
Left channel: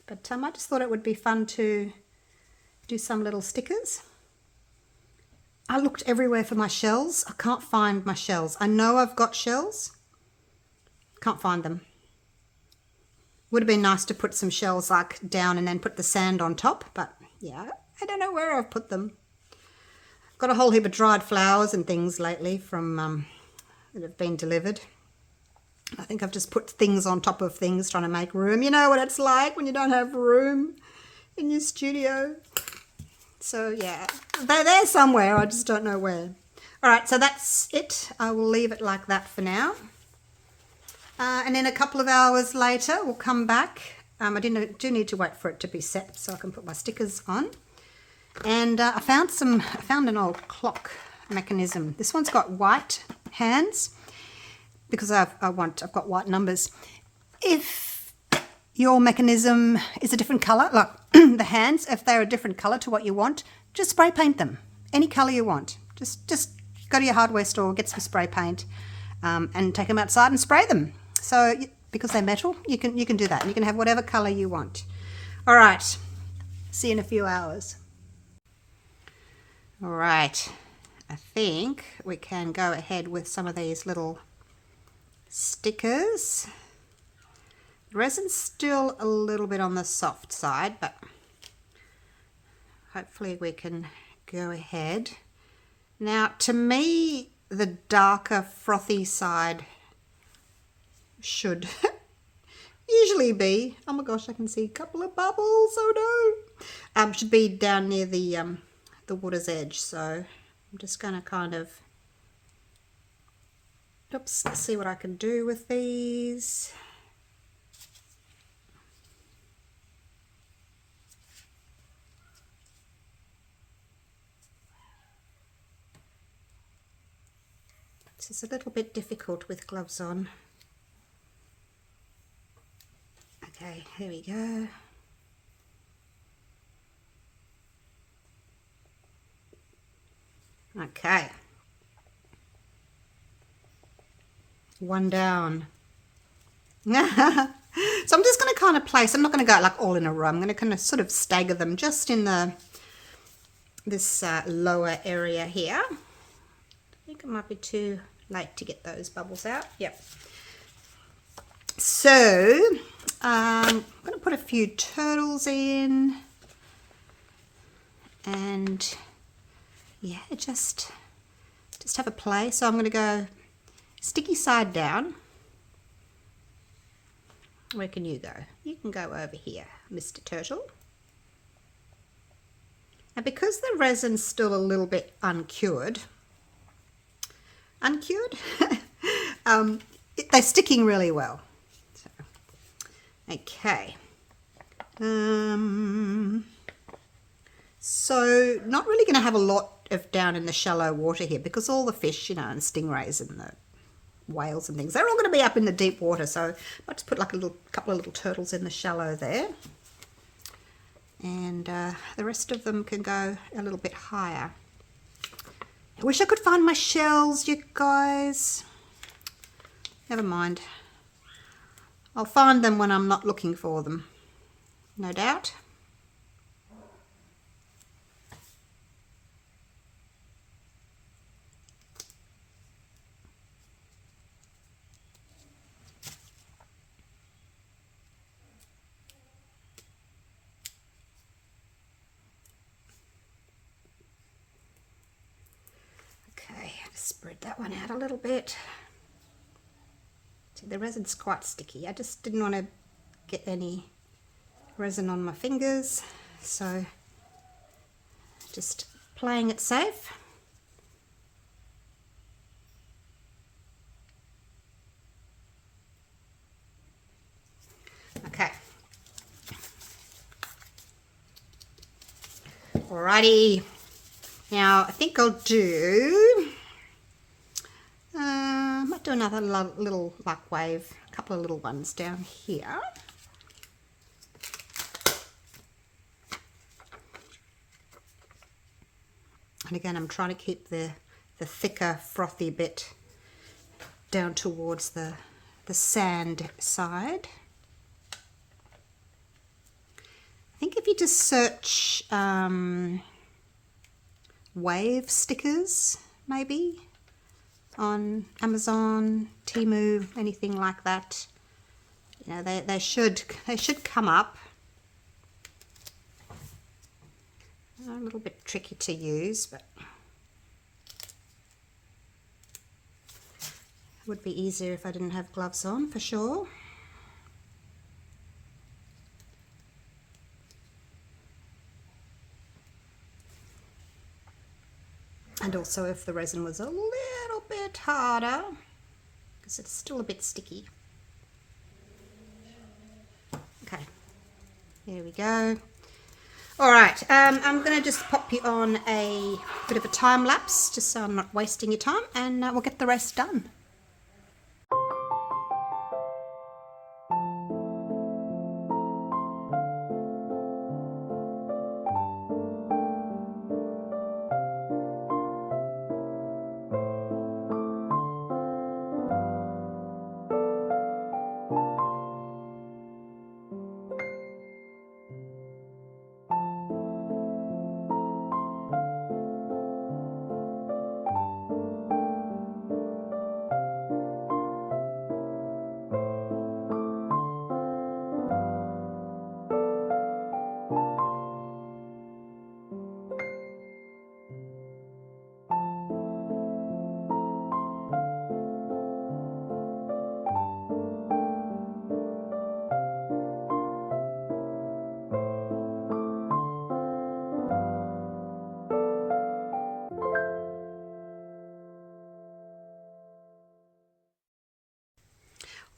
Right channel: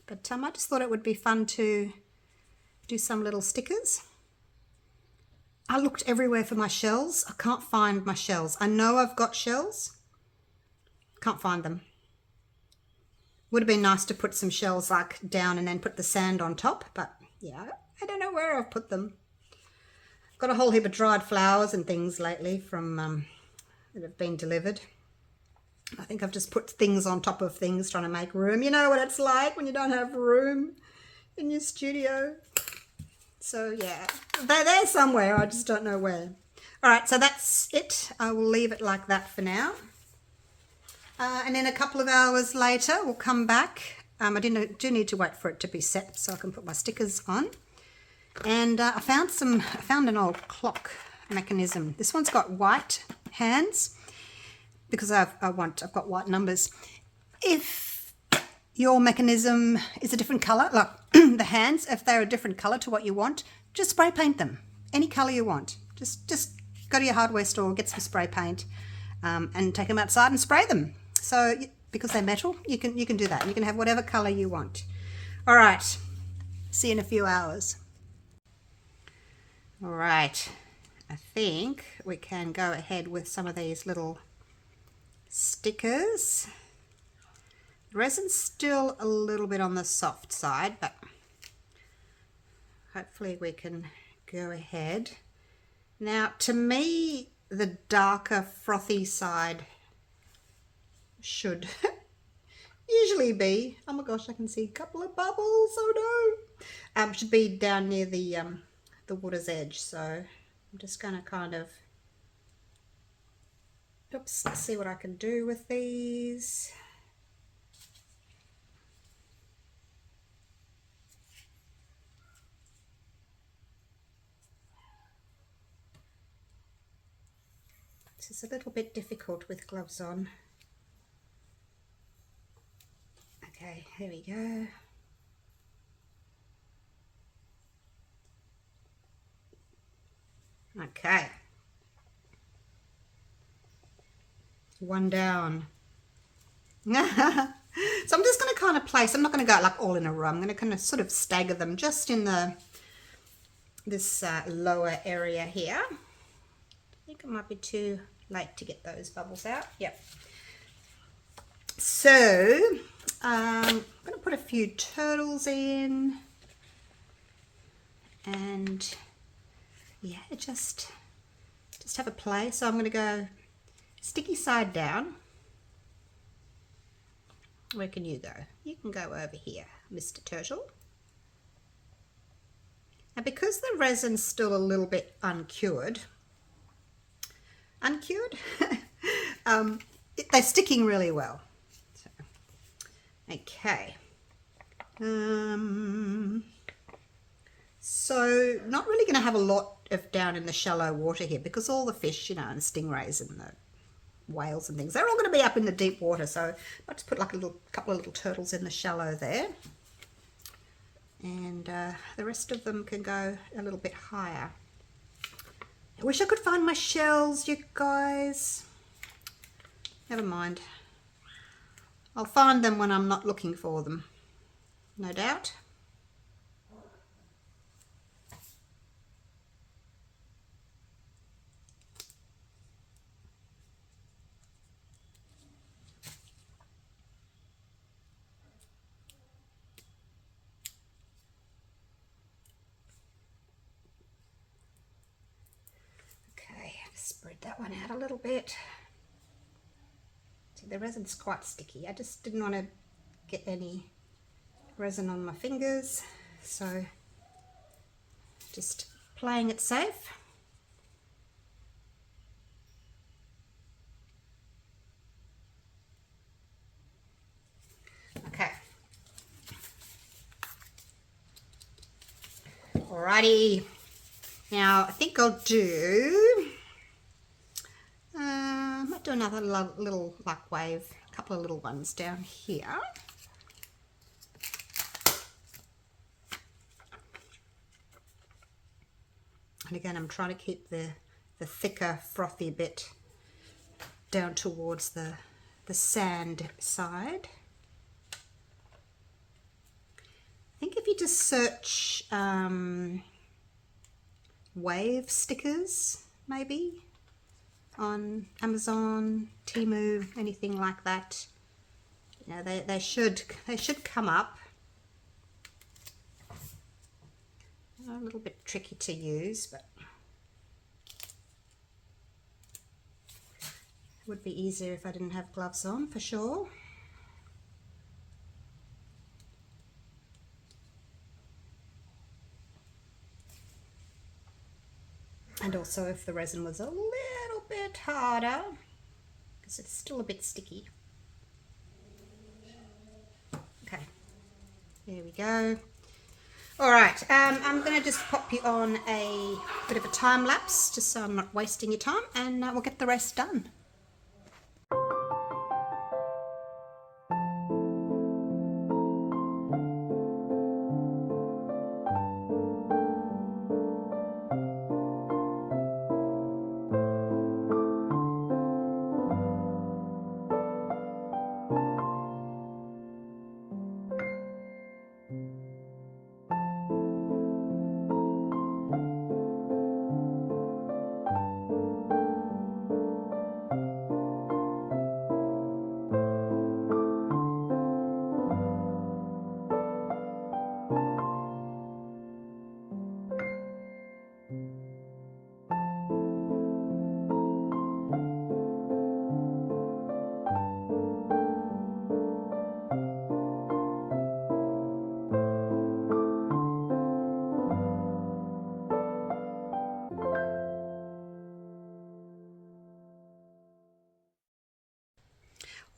But I just thought it would be fun to do some little stickers. I looked everywhere for my shells. I can't find my shells. I know I've got shells. Can't find them. Would have been nice to put some shells like down and then put the sand on top, but yeah, I don't know where I've put them. Got a whole heap of dried flowers and things lately from that have been delivered. I think I've just put things on top of things trying to make room. You know what it's like when you don't have room in your studio. So yeah, they're there somewhere. I just don't know where. All right, so that's it. I will leave it like that for now. And then a couple of hours later, we'll come back. I do need to wait for it to be set so I can put my stickers on. And I found an old clock mechanism. This one's got white hands because I've got white numbers. If your mechanism is a different color, like the hands, if they're a different color to what you want, just spray paint them any color you want. Just go to your hardware store, get some spray paint, and take them outside and spray them. So because they're metal, you can do that. You can have whatever color you want. All right, see you in a few hours. All right, I think we can go ahead with some of these little stickers. The resin's still a little bit on the soft side, but hopefully we can go ahead. Now, to me, the darker frothy side should usually be, oh my gosh, I can see a couple of bubbles, oh no. Should be down near the water's edge, so I'm just going to kind of, oops, let's see what I can do with these. This is a little bit difficult with gloves on. Okay, here we go. Okay. One down. So I'm just going to kind of place, I'm not going to go like all in a row. I'm going to kind of sort of stagger them just in this lower area here. I think it might be too late to get those bubbles out. Yep. So I'm going to put a few turtles in, and yeah, just have a play. So I'm going to go sticky side down. Where can you go? You can go over here, Mr. Turtle. Now, because the resin's still a little bit uncured, they're sticking really well. So, okay. So not really going to have a lot of down in the shallow water here, because all the fish, you know, and stingrays and the whales and things, they're all going to be up in the deep water. So I'll just put like a couple of little turtles in the shallow there, and the rest of them can go a little bit higher. I wish I could find my shells, you guys. Never mind. I'll find them when I'm not looking for them, no doubt. Spread that one out a little bit. See, the resin's quite sticky. I just didn't want to get any resin on my fingers, so just playing it safe. Okay. Alrighty. Now I think I'll do. I might do another little like wave, a couple of little ones down here. And again, I'm trying to keep the thicker, frothy bit down towards the sand side. I think if you just search wave stickers, maybe on Amazon, Temu, anything like that, you know, they should come up. A little bit tricky to use, but it would be easier if I didn't have gloves on, for sure. And also if the resin was a little bit harder, because it's still a bit sticky. Okay, there we go. All right, I'm going to just pop you on a bit of a time lapse, just so I'm not wasting your time, and we'll get the rest done.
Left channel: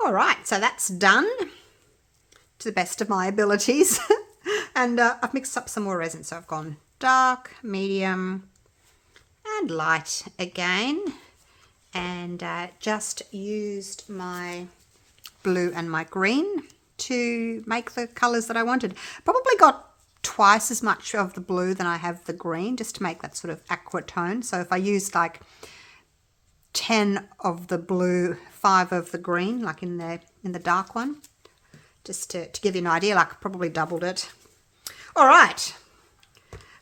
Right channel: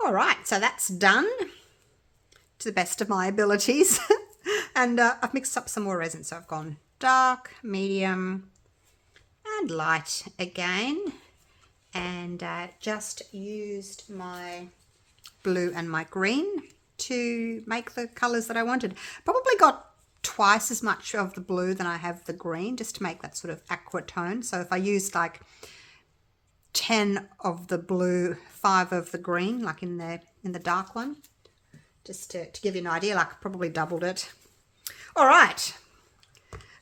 All right, so that's done to the best of my abilities. And I've mixed up some more resin. So I've gone dark, medium, and light again. And just used my blue and my green to make the colours that I wanted. Probably got twice as much of the blue than I have the green, just to make that sort of aqua tone. So if I used like 10 of the blue, 5 of the green, like in the dark one, just to give you an idea, like I probably doubled it. All right,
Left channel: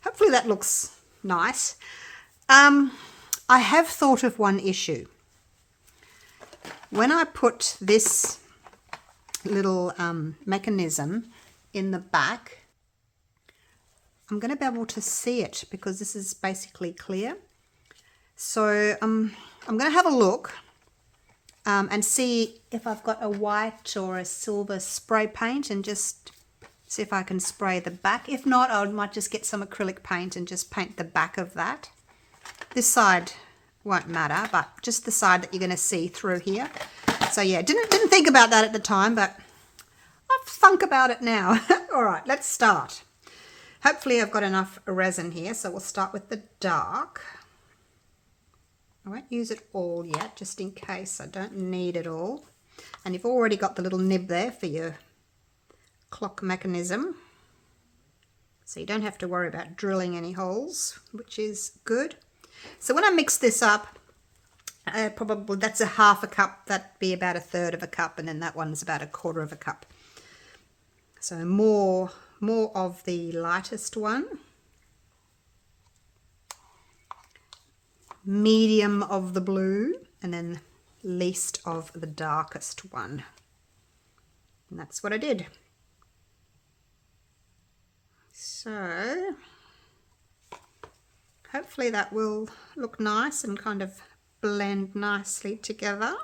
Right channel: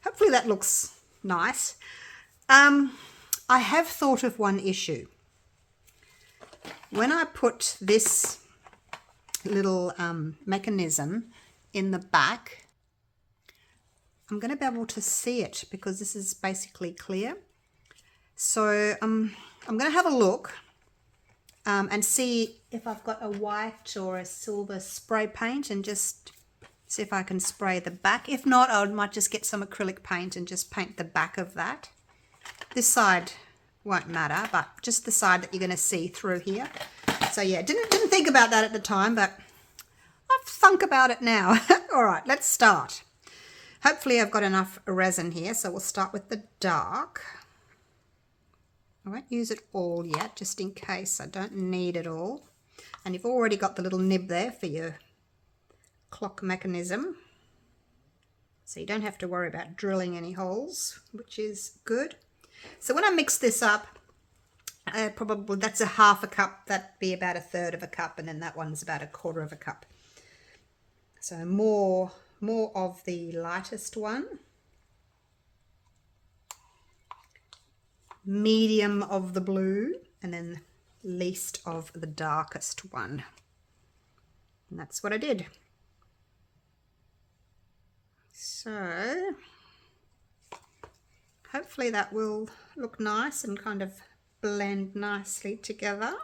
hopefully that looks nice. I have thought of one issue. When I put this little mechanism in the back, I'm going to be able to see it because this is basically clear. So I'm going to have a look and see if I've got a white or a silver spray paint and just see if I can spray the back. If not, I might just get some acrylic paint and just paint the back of that. This side won't matter, but just the side that you're going to see through here. So yeah, didn't think about that at the time, but I thunk about it now. All right, let's start. Hopefully I've got enough resin here, so we'll start with the dark. I won't use it all yet, just in case I don't need it all. And you've already got the little nib there for your clock mechanism, so you don't have to worry about drilling any holes, which is good. So when I mix this up, probably that's a half a cup, that'd be about a third of a cup, and then that one's about a quarter of a cup. So more of the lightest one, medium of the blue, and then least of the darkest one. And that's what I did. So hopefully that will look nice and kind of blend nicely together.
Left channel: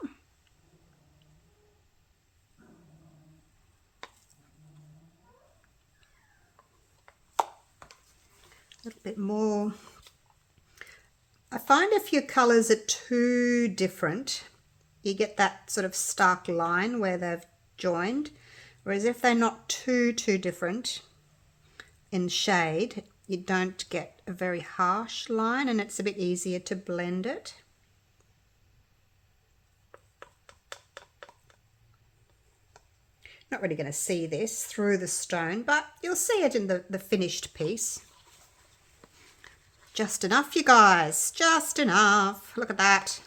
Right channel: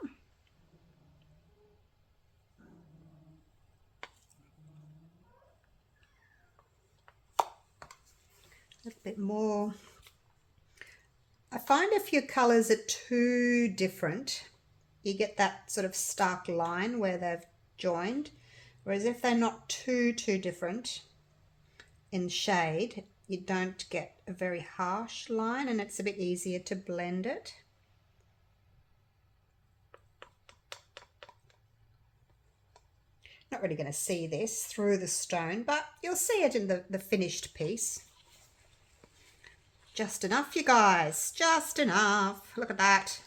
A little bit more. I find if your colours are too different, you get that sort of stark line where they've joined. Whereas if they're not too different in shade, you don't get a very harsh line and it's a bit easier to blend it. Not really going to see this through the stone, but you'll see it in the finished piece. Just enough, you guys, just enough. Look at that.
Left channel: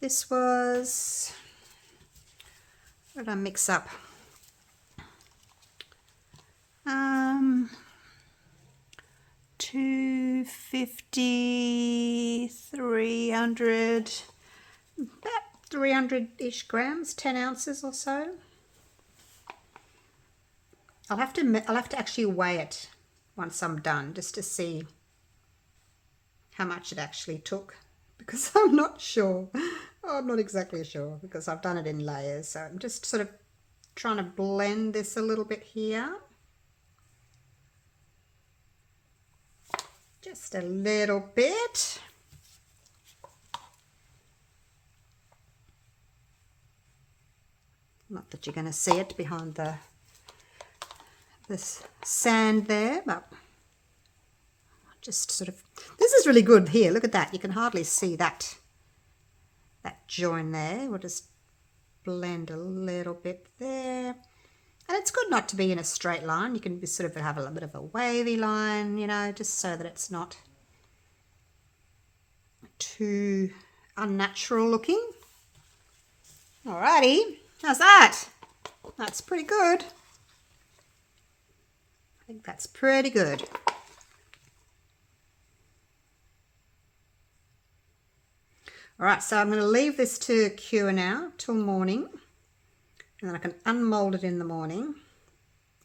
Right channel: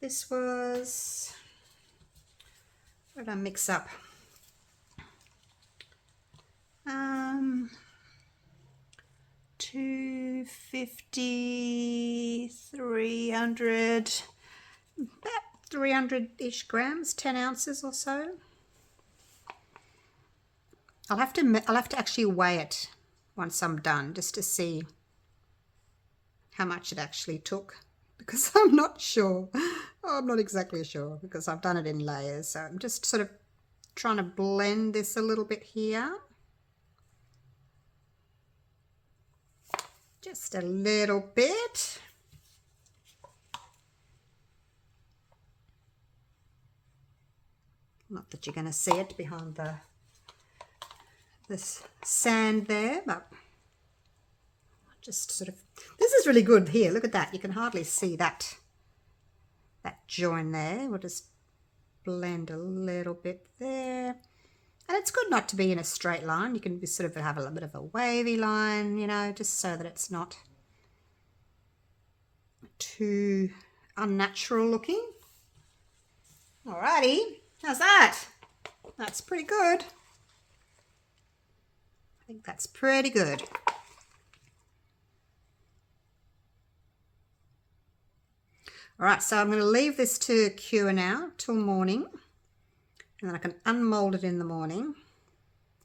This was, what did I mix up? 250, 300, about 300-ish grams, 10 ounces or so. I'll have to actually weigh it once I'm done, just to see how much it actually took, because I'm not sure. Oh, I'm not exactly sure because I've done it in layers. So I'm just sort of trying to blend this a little bit here. Just a little bit. Not that you're going to see it behind this sand there, but just sort of, this is really good here. Look at that. You can hardly see that join there. We'll just blend a little bit there. And it's good not to be in a straight line. You can sort of have a little bit of a wavy line, you know, just so that it's not too unnatural looking. Alrighty, how's that? That's pretty good. I think that's pretty good. All right, so I'm going to leave this to cure now till morning, and then I can unmold it in the morning,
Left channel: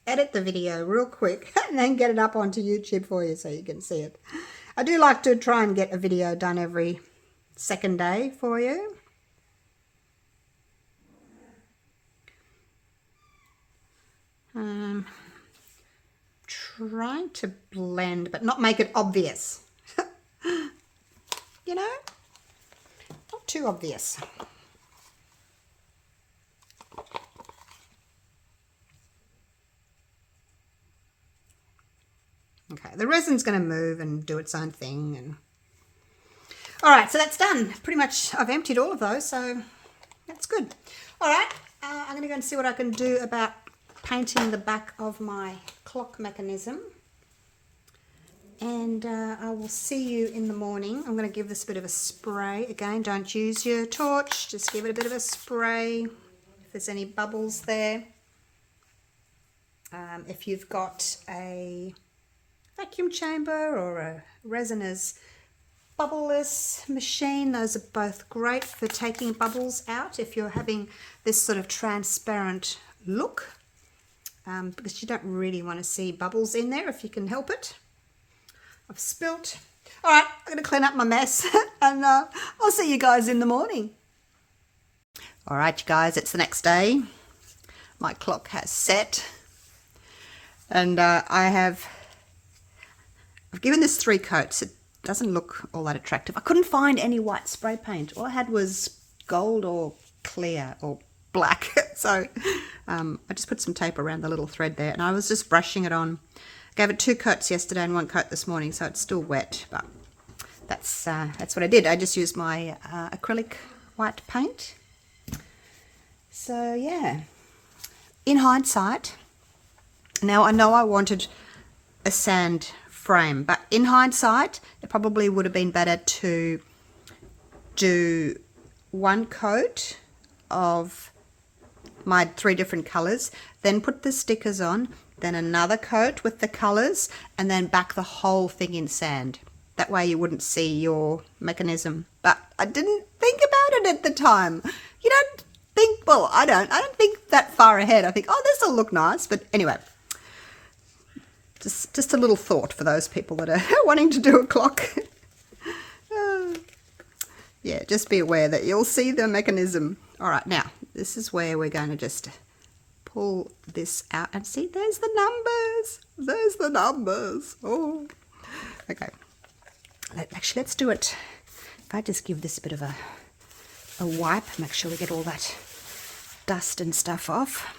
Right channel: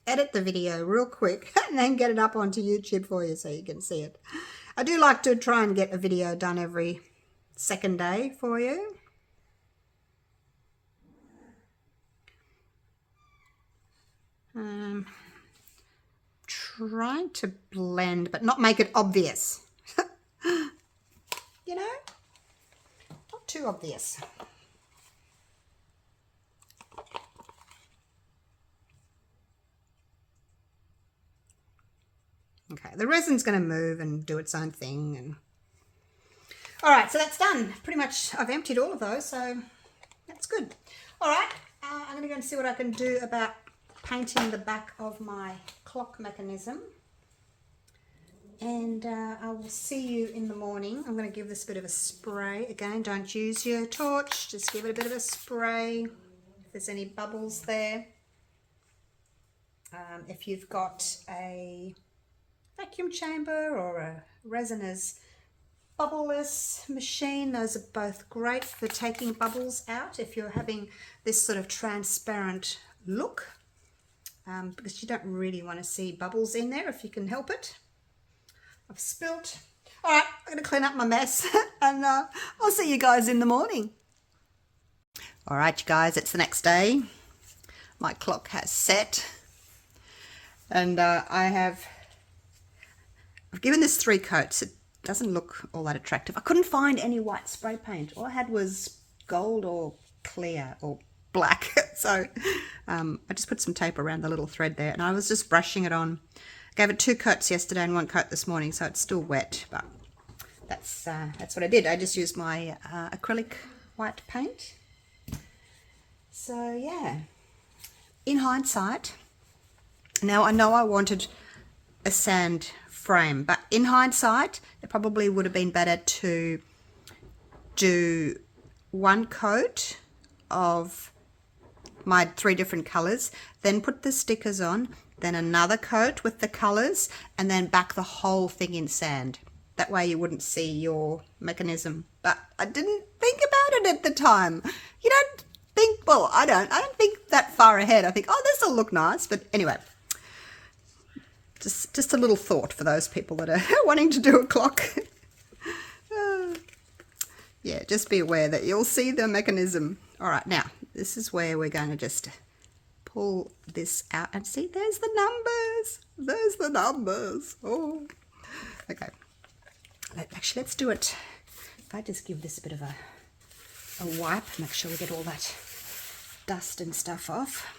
edit the video real quick, and then get it up onto YouTube for you so you can see it. I do like to try and get a video done every second day for you. Trying to blend, but not make it obvious. You know? Too obvious. Okay, the resin's going to move and do its own thing. And all right, so that's done. Pretty much I've emptied all of those, so that's good. All right, I'm going to go and see what I can do about painting the back of my clock mechanism. And I will see you in the morning. I'm going to give this a bit of a spray. Again, don't use your torch. Just give it a bit of a spray if there's any bubbles there. If you've got a vacuum chamber or a Resin's bubbleless machine, those are both great for taking bubbles out if you're having this sort of transparent look, because you don't really want to see bubbles in there if you can help it. I've spilt. All right, I'm going to clean up my mess and I'll see you guys in the morning. All right, you guys, it's the next day. My clock has set and I've given this 3 coats. It doesn't look all that attractive. I couldn't find any white spray paint. All I had was gold or clear or black. So I just put some tape around the little thread there and I was just brushing it on. Gave it 2 coats yesterday and 1 coat this morning, so it's still wet, but that's what I did. I just used my acrylic white paint. So yeah, in hindsight, now I know I wanted a sand frame, but in hindsight, it probably would have been better to do 1 coat of my 3 different colors, then put the stickers on, then another coat with the colors, and then back the whole thing in sand. That way you wouldn't see your mechanism. But I didn't think about it at the time. You don't think, well, I don't think that far ahead. I think, oh, this will look nice. But anyway, just a little thought for those people that are wanting to do a clock. Yeah, just be aware that you'll see the mechanism. All right, now this is where we're going to just pull this out and see, there's the numbers. There's the numbers. Oh, okay. Actually, let's do it. If I just give this a bit of a wipe, make sure we get all that dust and stuff off.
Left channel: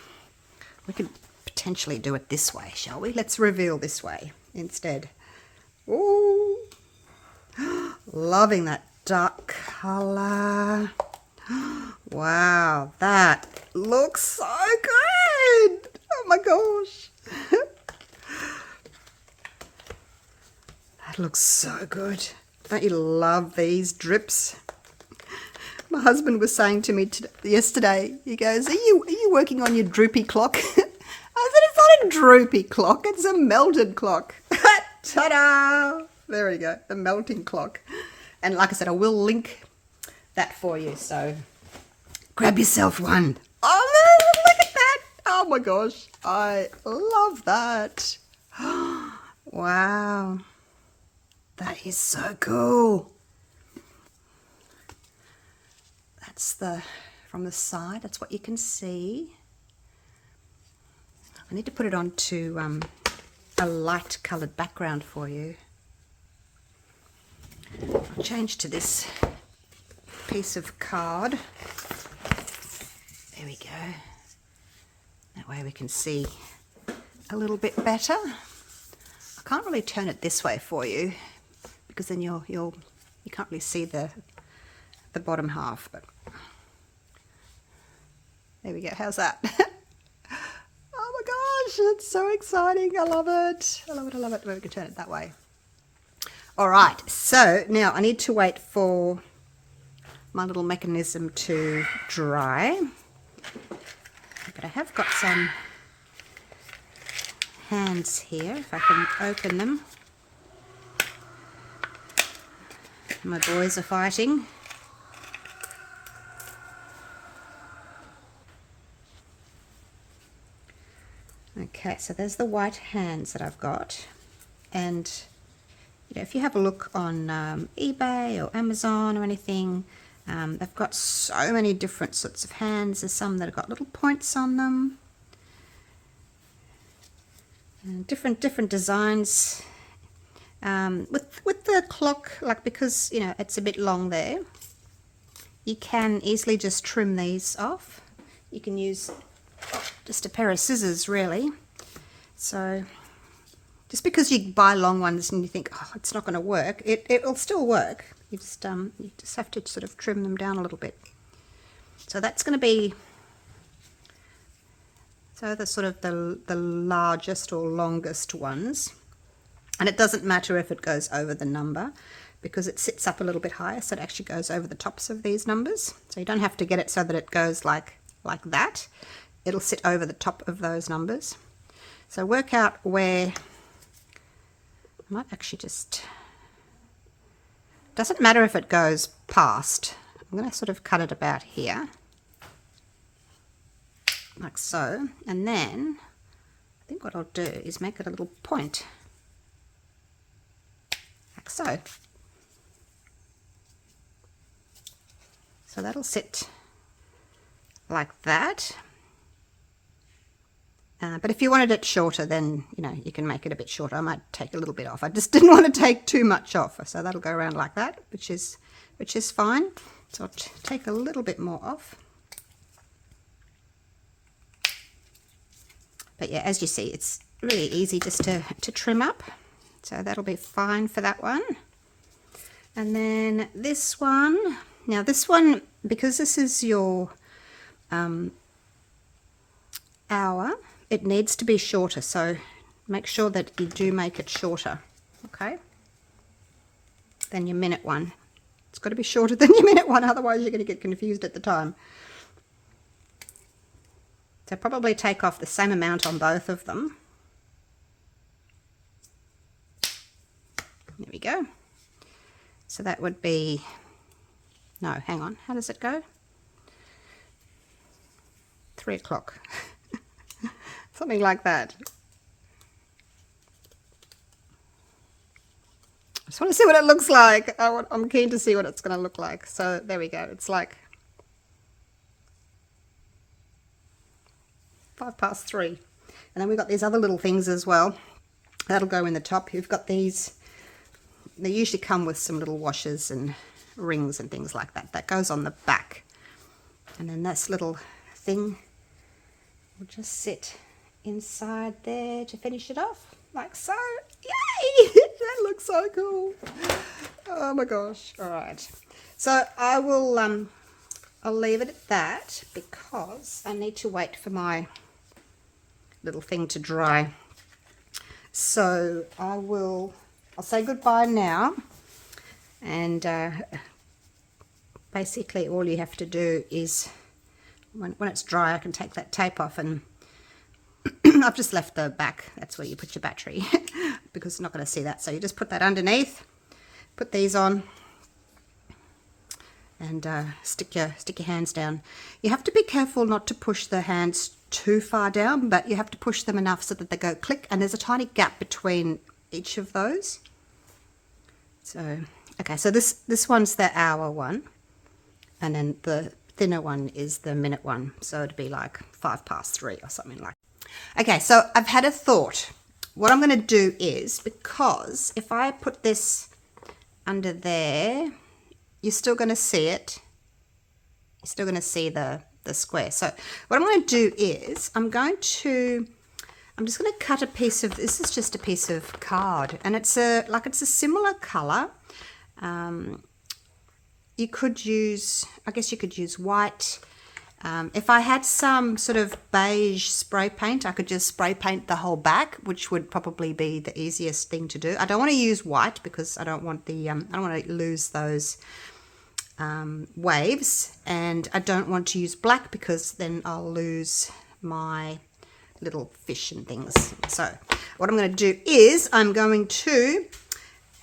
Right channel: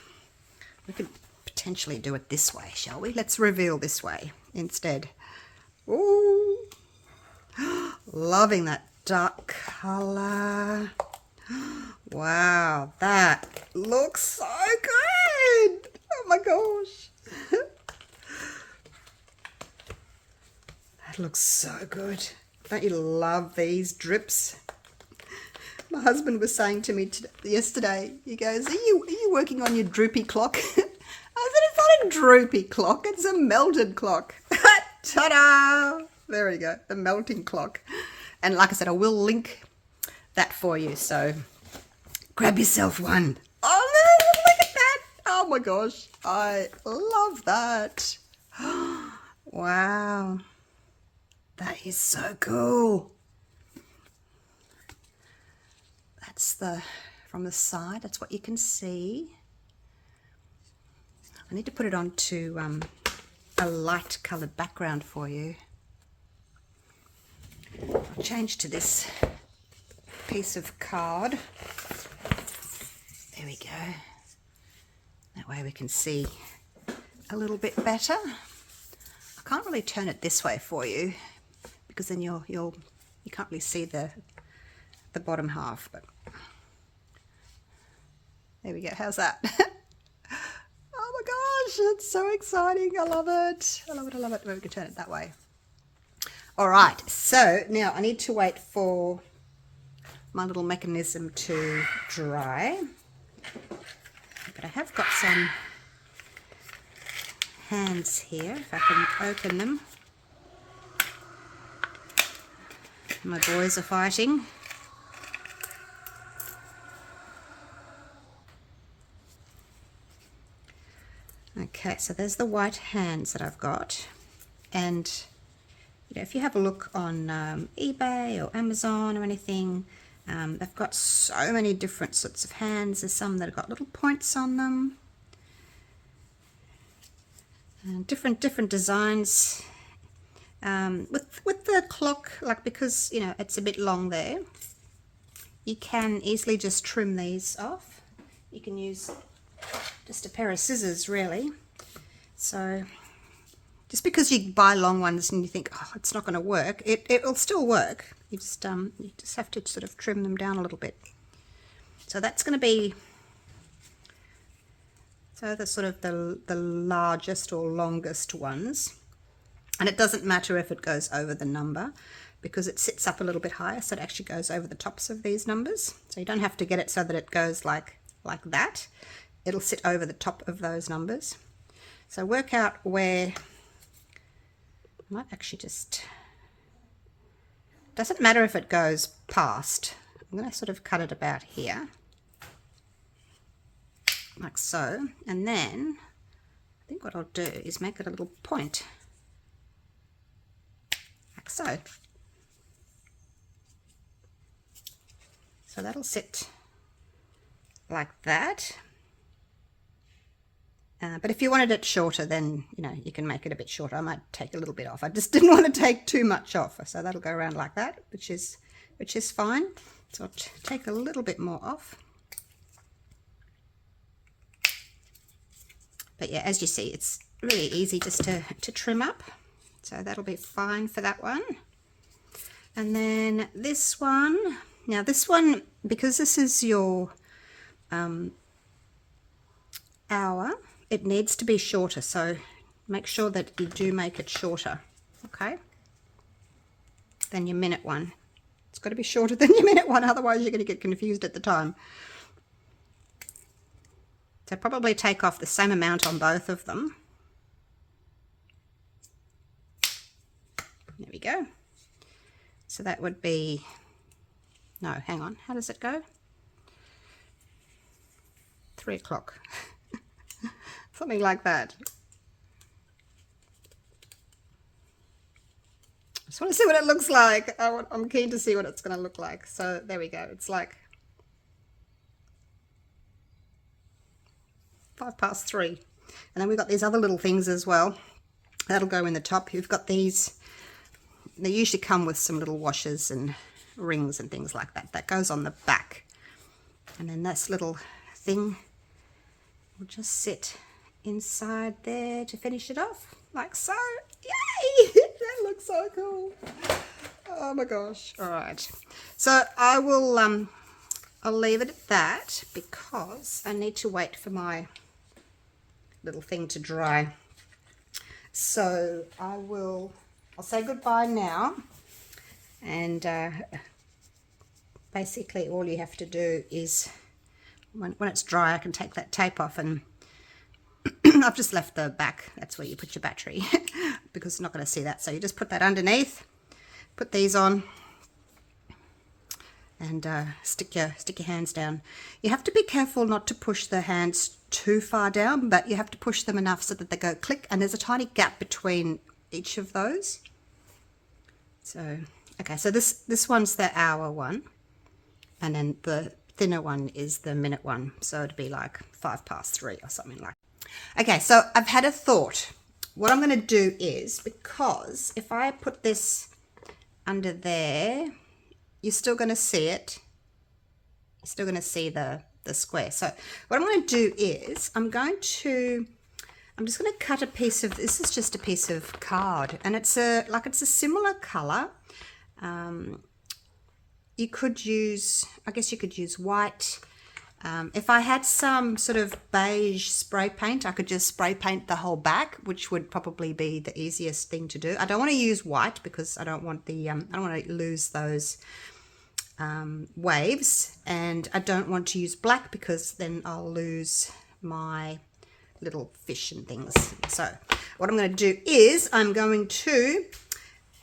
We could potentially do it this way, shall we? Let's reveal this way instead. Oh, loving that dark color. Wow, that looks so good. Oh my gosh. That looks so good. Don't you love these drips? My husband was saying to me yesterday, he goes, are you working on your droopy clock? I said, it's not a droopy clock, it's a melted clock. Ta-da! There we go, the melting clock. And like I said, I will link that for you, so grab yourself one. Oh, look at that. Oh my gosh, I love that. Wow, that is so cool. That's from the side, that's what you can see. I need to put it onto a light coloured background for you. I'll change to this piece of card. There we go. That way we can see a little bit better. I can't really turn it this way for you because then you can't really see the bottom half, but there we go. How's that? Oh my gosh, it's so exciting. I love it. I love it. I love it. Maybe we can turn it that way. All right, so now I need to wait for my little mechanism to dry. But I have got some hands here, if I can open them. My boys are fighting. Okay, so there's the white hands that I've got. And you know, if you have a look on eBay or Amazon or anything, they've got so many different sorts of hands. There's some that have got little points on them, and different designs. With the clock, like, because you know it's a bit long there, you can easily just trim these off. You can use just a pair of scissors, really. So Just because you buy long ones and you think, oh, it's not going to work, it'll still work. You just have to sort of trim them down a little bit. So that's going to be, so the sort of the largest or longest ones. And it doesn't matter if it goes over the number, because it sits up a little bit higher, so it actually goes over the tops of these numbers. So you don't have to get it so that it goes like that. It'll sit over the top of those numbers. So work out where, I might actually just, doesn't matter if it goes past. I'm going to sort of cut it about here, like so. And then I think what I'll do is make it a little point, like so. So that'll sit like that. But if you wanted it shorter, then, you know, you can make it a bit shorter. I might take a little bit off. I just didn't want to take too much off. So that'll go around like that, which is fine. So I'll take a little bit more off. But yeah, as you see, it's really easy just to trim up. So that'll be fine for that one. And then this one, now this one, because this is your hour, it needs to be shorter, so make sure that you do make it shorter, okay, than your minute one. It's got to be shorter than your minute one, otherwise you're going to get confused at the time. So probably take off the same amount on both of them. There we go. So that would be, no, hang on, how does it go? 3 o'clock. Something like that. I just want to see what it looks like. I'm keen to see what it's going to look like. So there we go. It's like 3:05. And then we've got these other little things as well. That'll go in the top. You've got these. They usually come with some little washers and rings and things like that. That goes on the back. And then this little thing will just sit inside there to finish it off, like so. Yay! That looks so cool. Oh my gosh. All right. So I will, I'll leave it at that because I need to wait for my little thing to dry. So I'll say goodbye now. And basically all you have to do is, when it's dry, I can take that tape off, and I've just left the back. That's where you put your battery because it's not going to see that. So you just put that underneath, put these on, and stick your hands down. You have to be careful not to push the hands too far down, but you have to push them enough so that they go click, and there's a tiny gap between each of those. So okay, so this one's the hour one, and then the thinner one is the minute one, so it'd be like 3:05 or something like that. Okay, so I've had a thought. What I'm going to do is, because if I put this under there, you're still going to see it. You're still going to see the square. So what I'm going to do is I'm just going to cut a piece of, this is just a piece of card, and it's a similar color. You could use, I guess you could use white. If I had some sort of beige spray paint, I could just spray paint the whole back, which would probably be the easiest thing to do. I don't want to use white because I don't want the I don't want to lose those waves, and I don't want to use black because then I'll lose my little fish and things. So what I'm going to do is I'm going to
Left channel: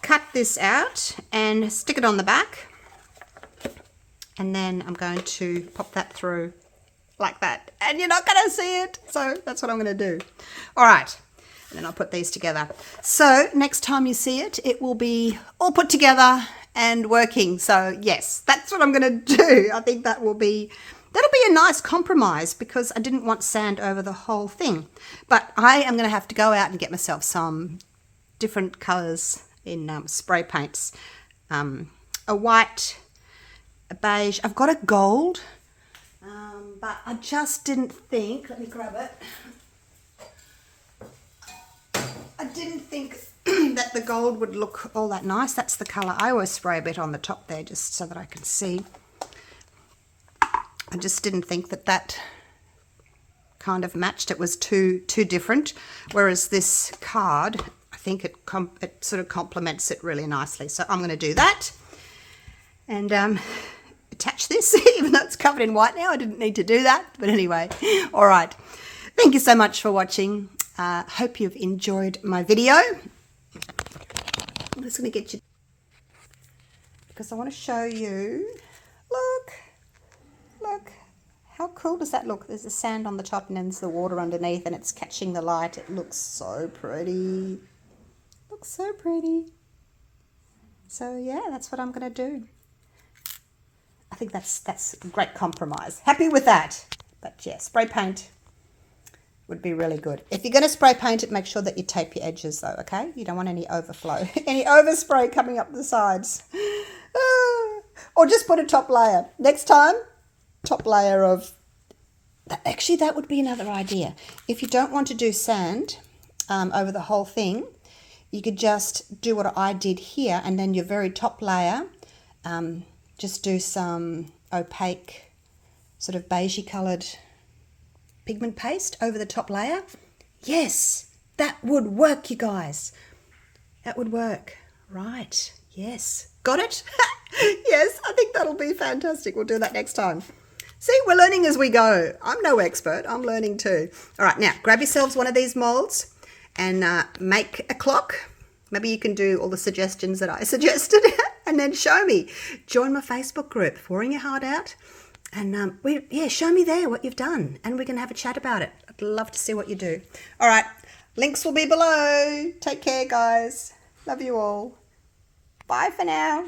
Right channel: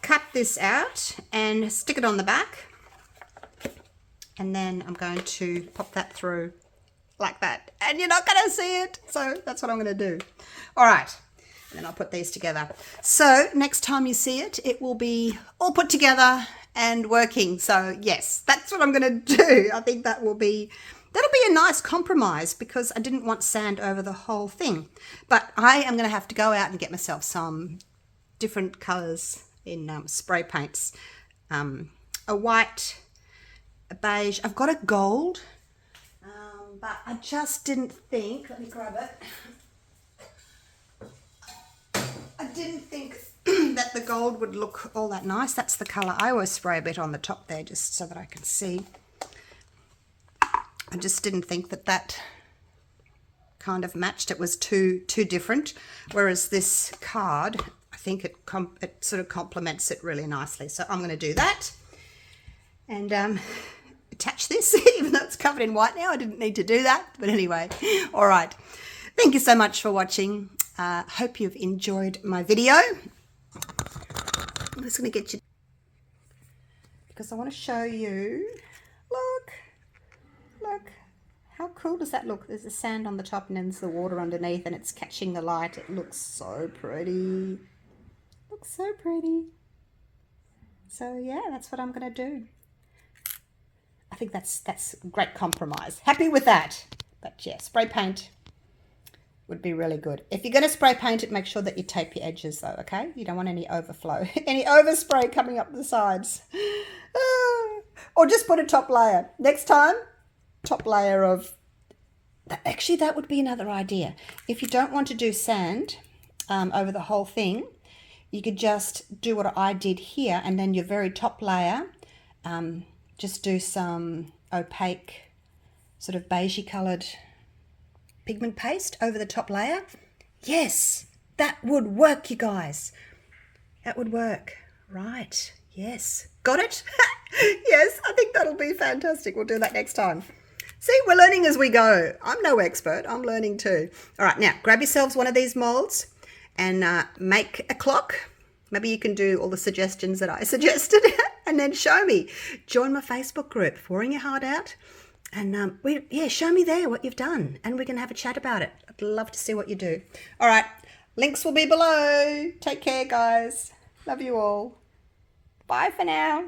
cut this out and stick it on the back. And then I'm going to pop that through like that. And you're not going to see it. So that's what I'm going to do. All right. And then I'll put these together. So next time you see it, it will be all put together and working. So yes, that's what I'm going to do. I think that'll be a nice compromise because I didn't want sand over the whole thing. But I am going to have to go out and get myself some different colors in spray paints. A white, a beige. I've got a gold, but I just didn't think, let me grab it. I didn't think that the gold would look all that nice. That's the colour. I always spray a bit on the top there just so that I can see. I just didn't think that that kind of matched. It was too different. Whereas this card, I think it sort of complements it really nicely. So I'm going to do that and attach this, even though it's covered in white now. I didn't need to do that, but anyway. All right. Thank you so much for watching. Hope you've enjoyed my video. I'm just going to get you, because I want to show you. Look, how cool does that look? There's the sand on the top and then there's the water underneath and it's catching the light. It looks so pretty. Looks so pretty. So yeah, that's what I'm going to do. I think that's a great compromise. Happy with that. But yeah, spray paint would be really good. If you're going to spray paint it, make sure that you tape your edges though, okay? You don't want any overflow, any overspray coming up the sides. Or just put a top layer. Next time, top layer of, actually that would be another idea. If you don't want to do sand over the whole thing, you could just do what I did here, and then your very top layer, just do some opaque, sort of beigey coloured pigment paste over the top layer. Yes, that would work, you guys. That would work. Right, yes. Got it? Yes, I think that'll be fantastic. We'll do that next time. See, we're learning as we go. I'm no expert. I'm learning too. All right, now grab yourselves one of these molds and make a clock. Maybe you can do all the suggestions that I suggested and then show me. Join my Facebook group, Pouring Your Heart Out. And show me there what you've done and we can have a chat about it. I'd love to see what you do. All right, links will be below. Take care, guys. Love you all. Bye for now.